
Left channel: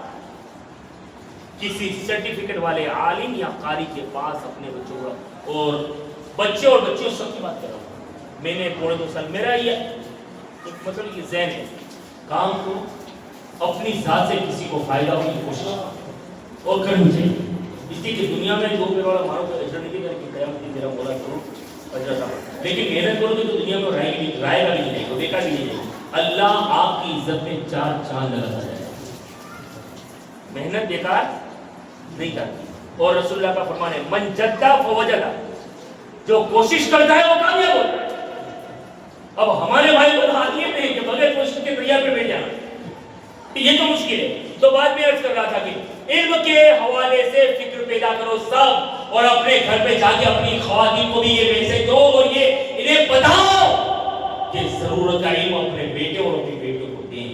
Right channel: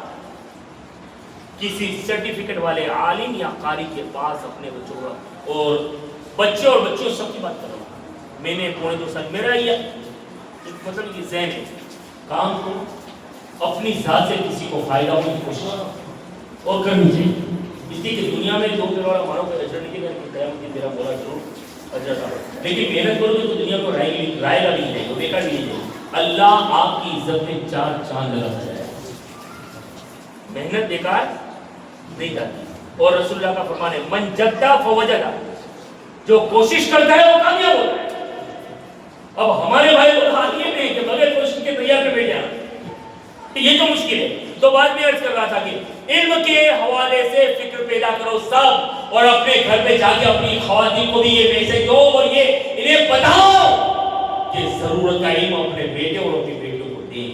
کسی سرٹیفکیٹ والے عالم یا قاری کے پاس اپنے بچوں کو, اور بچے اور بچیوں سب کی بات کر رہا ہوں. میں نے 2.5 سال میرا یہ مطلب یہ ذہن ہے, کام کو اپنی ذات سے کسی کو فائدہ ہونے کی کوشش اور کرنی چاہیے. اس لیے کہ دنیا میں 2 پیڑ والا مارو کوئی اجر نہیں دے گا, کہ قیامت کے میرا مولا ضرور اجر عطا فرمائے. لیکن محنت کرو گے تو دنیا میں رائے گا بھی نہیں جائے گا, بیکار بھی نہیں جائے گا. اللہ آپ کی عزت میں 4 چاند لگاتا جائے گا. محنت بیکار نہیں جاتی. اور رسول اللہ کا فرمان ہے من جدہ فوجدہ, جو کوشش کرتا ہے وہ کامیاب ہوتا ہے. اب ہمارے بھائی کو حال یہ نہیں کہ بغیر کوشش کے تیار پہ بیٹھ جانا, یہ تو مشکل ہے. تو بعد میں عرض کر رہا تھا کہ علم کے حوالے سے فکر پیدا کرو سب, اور اپنے گھر پہ جا کے اپنی خواتین کو بھی یہ میسج دو اور یہ انہیں بتاؤ کہ ضرورت کا علم اپنے بیٹے اور اپنی بیٹیوں کو دیں,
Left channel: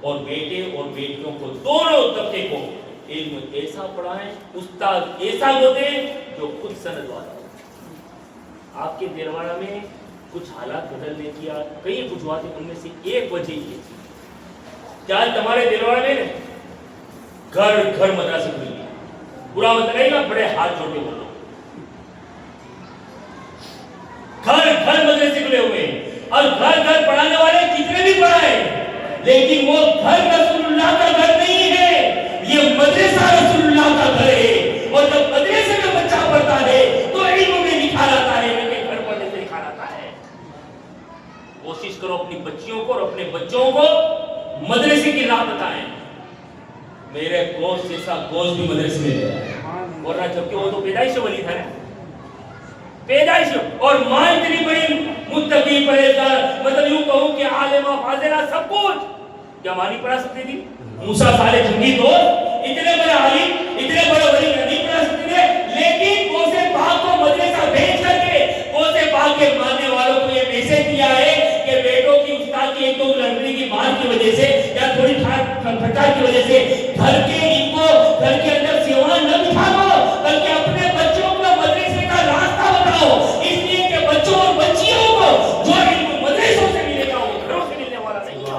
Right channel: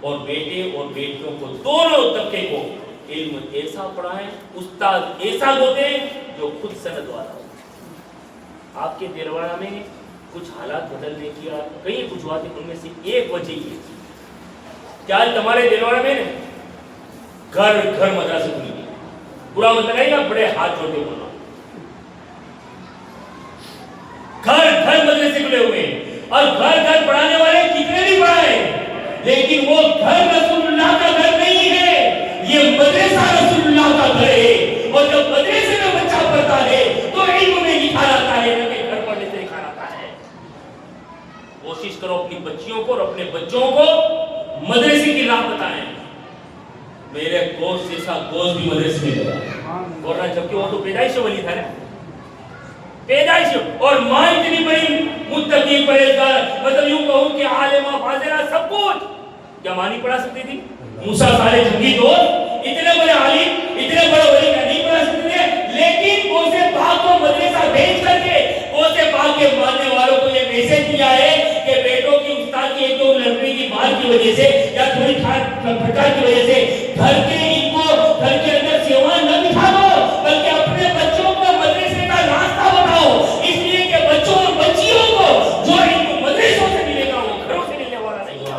اور بیٹے اور بیٹیوں کو دونوں طبقے کو علم ایسا پڑھائیں, استاد ایسا ہو دیں جو خود سند والا ہو. آپ کے دلواڑہ میں کچھ حالات بدلنے کی کئی وجوہات ہیں, ان میں سے ایک وجہ یہ تھی کہ آج ہمارے دلواڑہ میں گھر گھر مدرسے کھل گئے. برا مت لگائے گا, بڑے ہاتھ جوڑ کے بولو, گھر گھر مدرسے کھلے ہوئے ہیں. اور گھر گھر پڑھانے والے کتنے بھی پڑھائیں, لیکن وہ گھر رسول اللہ کا گھر نہیں ہے, یہ مدرسہ رسول اللہ کا گھر ہے. اور جب مدرسے میں بچہ پڑھتا ہے تو علم میں لکھا جاتا ہے, نہ کہ گھر پڑھنے سے لکھا جاتا ہے. کوشش کرو اپنی بچیوں کو اور اپنے بچوں کو مدرسے کی راہ بتائیں. میرے گوشت جیسا گوشت بھی مدرسے میں گیا, ورنہ جبکہ وہ تو پیدائش ولی تھا نا, پیدائش. اور ماں اتنی بڑی متقی پرہیزگار, مطلب یوں کہوں کہ عالمہ فاضلہ سب کچھ, کیا ماں نہیں پڑھا سکتی تھی؟ موسیٰ صالح جنگی دوست اتنے بڑے عالم اتنے بڑے ولی نہیں پڑھا سکتے تھے, لیکن غوث پاک کو مدرسہ بھیج کر کے غوث پاک کے ماننے والوں کو یہ میسج دیا ہے کہ بیٹوں کی استاد کی ایک تو لڑنے کی مار کی وجہ سے یا تھوڑی پھٹکار کی وجہ سے گھر کے ان کو گھر کے اندر سیوائیں نہ بٹھا دو, بلکہ اپنے بچوں کو مدرسے کا راستہ بتاؤ. اس لیے کہ بچوں اور بچیوں کو جو علم مدرسوں سے ملے گا وہ گھروں سے ملنے والا نہیں ہے.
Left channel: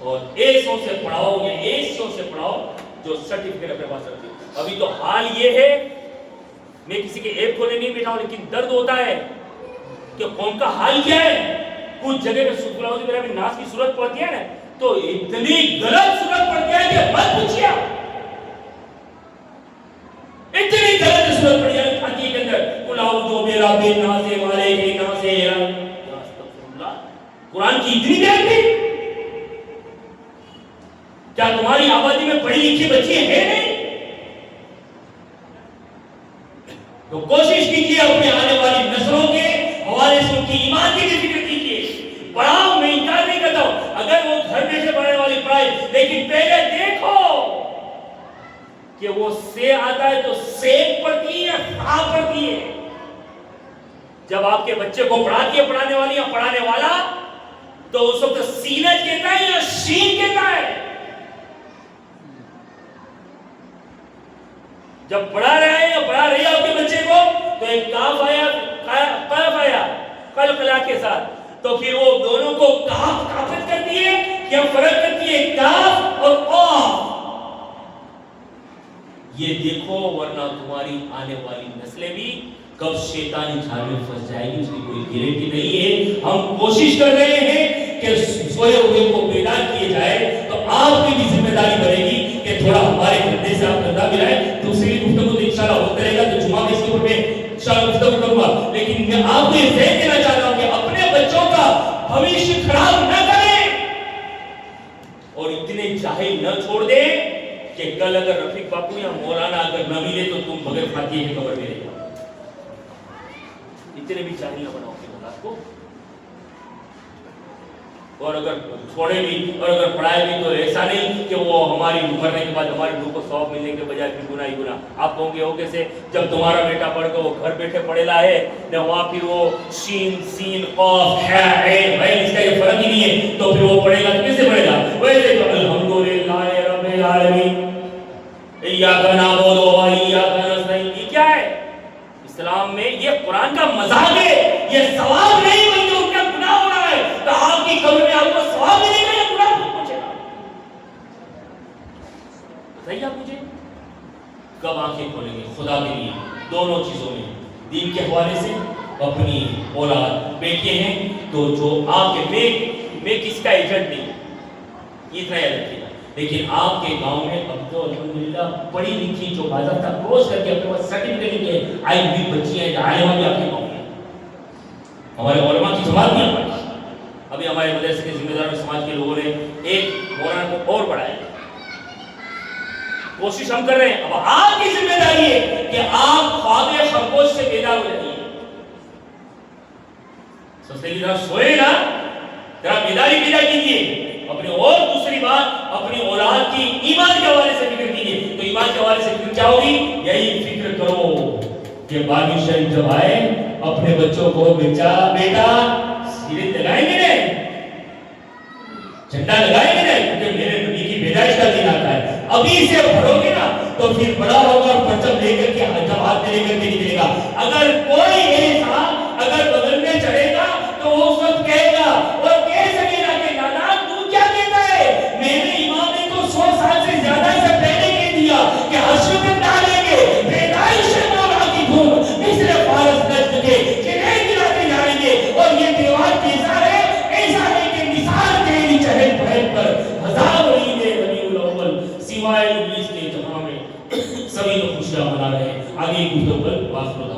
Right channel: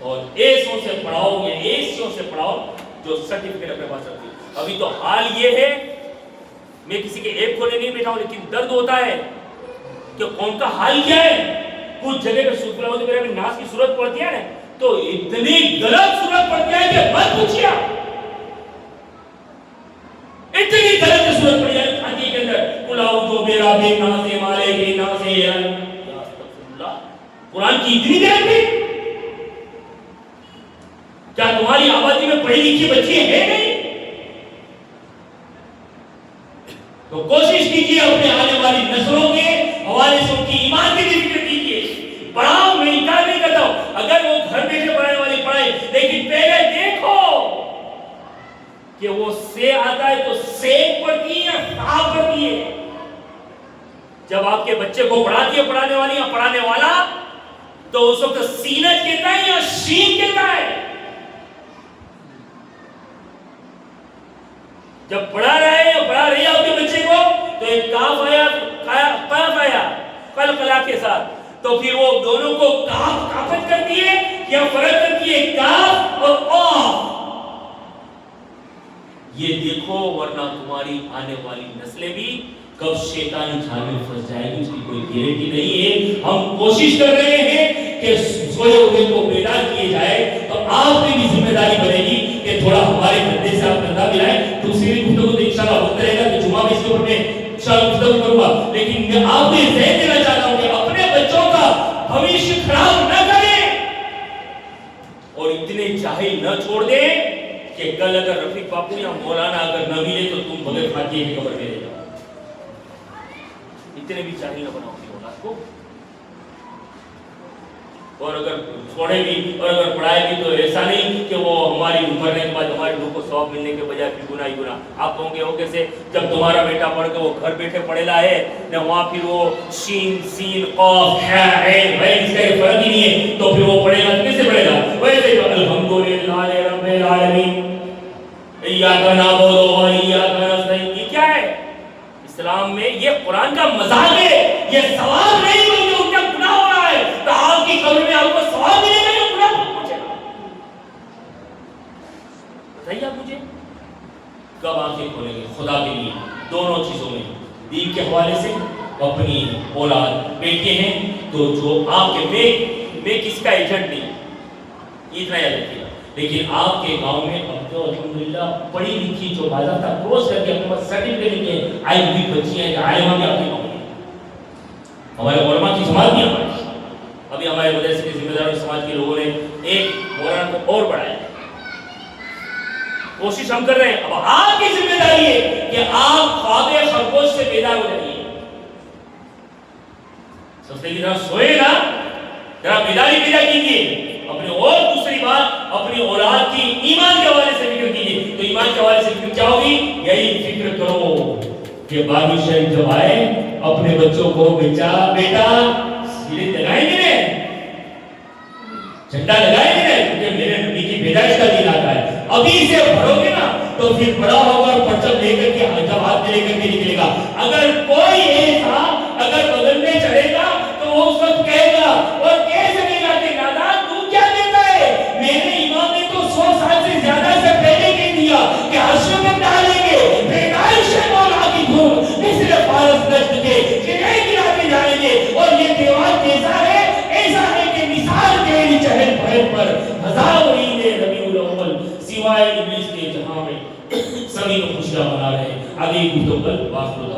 اور ایسوں سے پڑھاؤ, یہ ایسوں سے پڑھاؤ جو سرٹیفکیٹ اپنے پاس رکھتی. ابھی تو حال یہ ہے, میں کسی کے ایپ کھولے نہیں بیٹھا ہوں, لیکن درد ہوتا ہے کہ قوم کا حال کیا ہے. کچھ جگہ پہ سورۃ الاعوذ باللہ من الناس کی صورت پڑھتی ہے نا, تو اتنی غلط صورت پڑھتی ہے کہ مت پوچھیے. اتنی غلط صورت پڑھی ہے فاتحہ کے اندر, قل اعوذ برب الناس مالک الناس, یا استغفر اللہ. قرآن کی اتنی دیر تھی, کیا تمہاری آبادی میں پڑھی لکھی بچی ہے نہیں؟ تو کوشش کیجیے اپنے آنے والی نسلوں کے حوالے سے ان کی ایمان کی بھی فکر کیجیے. پڑھاؤ, میں انکار نہیں کرتا ہوں, اگر وہ گھر میں سے پڑھانے والی پڑھائے, لیکن پہلے دیکھو کہ وہ سے آتا ہے تو سیک پڑھتی ہے یا صاف پڑھتی ہے. جب آپ کے بچے کو پڑھاتی ہے پڑھانے والی یا پڑھانے والا, تو اس وقت سینت کہتا ہے یا شین کہتا ہے. جب پڑھا رہا ہے یا پڑھا رہی ہے آپ کے بچے کو, تو ایک کاف آیا, قاف آیا قلقلہ کے ساتھ, تو پھر وہ دونوں کو کاف کافت کرتی ہے یا فرق کرتی ہے کاف اور قاف. یہ دیکھو, ورنہ تمہاری آنے والی نسلیں بھی کب شیطانی جال میں پھنس جائے گی اس کی کوئی گارنٹی نہیں ہے. ہم کوشش کر رہے ہیں کہ سوئے ہوئے کو بیدار کیے جائے, تو آپ کی بھی ذمہ داری بنے گی کہ تھوڑا ہمارے گھنٹے سے آپ گھنٹہ ملائیں. دوسری گفتگو تو انشاءاللہ ہوتا رہے گا, تو جمعہ میں اس کے اوپر میں انشاءاللہ گفتگو کروں گا. لیکن میں آپ کو یہ ذہن دینا چاہتا ہوں کہ اپنے بچوں کا بھوشیہ خراب نہ کریں, اور اتنے جاہل نہ چھوڑ دیں کہ کل اگر رفیق باپو یا مولانا اگر نہ ملے تو تم بغیر فاتحے کی قبر میں رہ جاؤ. اتنے بھی جاہل نہ بناؤ اپنی اولاد کو. اور اگر چھوڑے بھی اور اگر پڑھائے بھی تو ایسا نہیں کہ وہ ہماری مرنے کے بعد ہماری روح کو ثواب ملنے کے بجائے پھر گناہ ہی گناہ. آپ کہوں گے ہو کیسے؟ جب تمہارا بیٹا پڑھ کے وہ گھر بیٹھے پڑھے ہے نہ وہاں پھر وہ شین سین قاف ہا عین بھائی اس کا فرق ہی نہیں ہے تو پھر وہ پڑھے گا تو کیسے پڑھے گا؟ ویسے جو الحمدللہ رب العالمین ایاک نعبد و ایاک نستعین یہ کیا ہے؟ اسلام میں یہ قرآن کا مذاق ہے، یہ ثواب نہیں بلکہ ان کا گناہ ہو رہا ہے. تو آپ کی قبر میں آپ کو ثواب ملے گا یا گناہ پہنچے گا؟ بتائیے آپ مجھے. کب آنکھیں کھولیں گے خدا کے لیے دونوں چیزوں میں؟ دین کے حوالے سے اپنی اولاد بیٹے ہیں تو جو آپ کے میں کس کا ایجنٹ نہیں، یہ اتنا یاد رکھیے گا. لیکن آپ کے گاؤں میں اب تو الحمدللہ پڑھی لکھی جو باضابطہ کورس کر کے اپنے پاس سرٹیفکیٹ کے آئی ہوئی بچیاں ہیں عالمہ بھی آپ کے گاؤں میں، ہمارے علماء کی جماعت بھی ہماری. ابھی ہمارے مدرسے کے ذمہ دار سماج کے لوگوں نے ایک مولانا کو اور بڑھایا، کوشش ہم کر رہے ہیں. اب آپ کی ذمہ داری ہے کہ آپ خواب خرگوش سے بیدار ہو جائیے. سستے کی طرف سوئے نا، ذرا بیداری پیدا کیجیے. اپنی اور دوسری بات اپنی اولاد کی ایمان کے حوالے سے فکر کیجیے. تو ایمان کے حوالے سے فکر کیا ہوگی؟ یہی فکر کرو کہ باغی شریف جب آئے اپنے بچوں کو بیٹا سیرے لگائیں گے، جھنڈا لگائیں گے، کیونکہ میرے نبی کی پیدائش کا دن آتا ہے. ابھی سے بھرو گے نا تو پھر بڑا ہوگا اور پرچم لے کر کے جب ہاتھ میں لے کر کے نکلے گا. اگر کوئی ایسا اگر بدل میں چڑھے گا تو وہ اس وقت کہے گا اور کہہ سکے گا کہ دادا تو کیا دیتا ہے؟ میرے امام نے تو 100 سال سے زیادہ سے پہلے کہہ دیا کہ حشر میں ڈالیں گے پیدائش مولا کی دھوم مصر فارس نجد کے کنارے گراتے جائیں گے. اور یہ دیوار کیسا ہے؟ ایسا ہے کہ مثال تیری چہل پہل پر ہزار عید ربیع الاول سوائے ابلیس کے جہاں میں سبھی لوگ خوشیاں منا رہے ہیں. آگے گفتگو پر واصل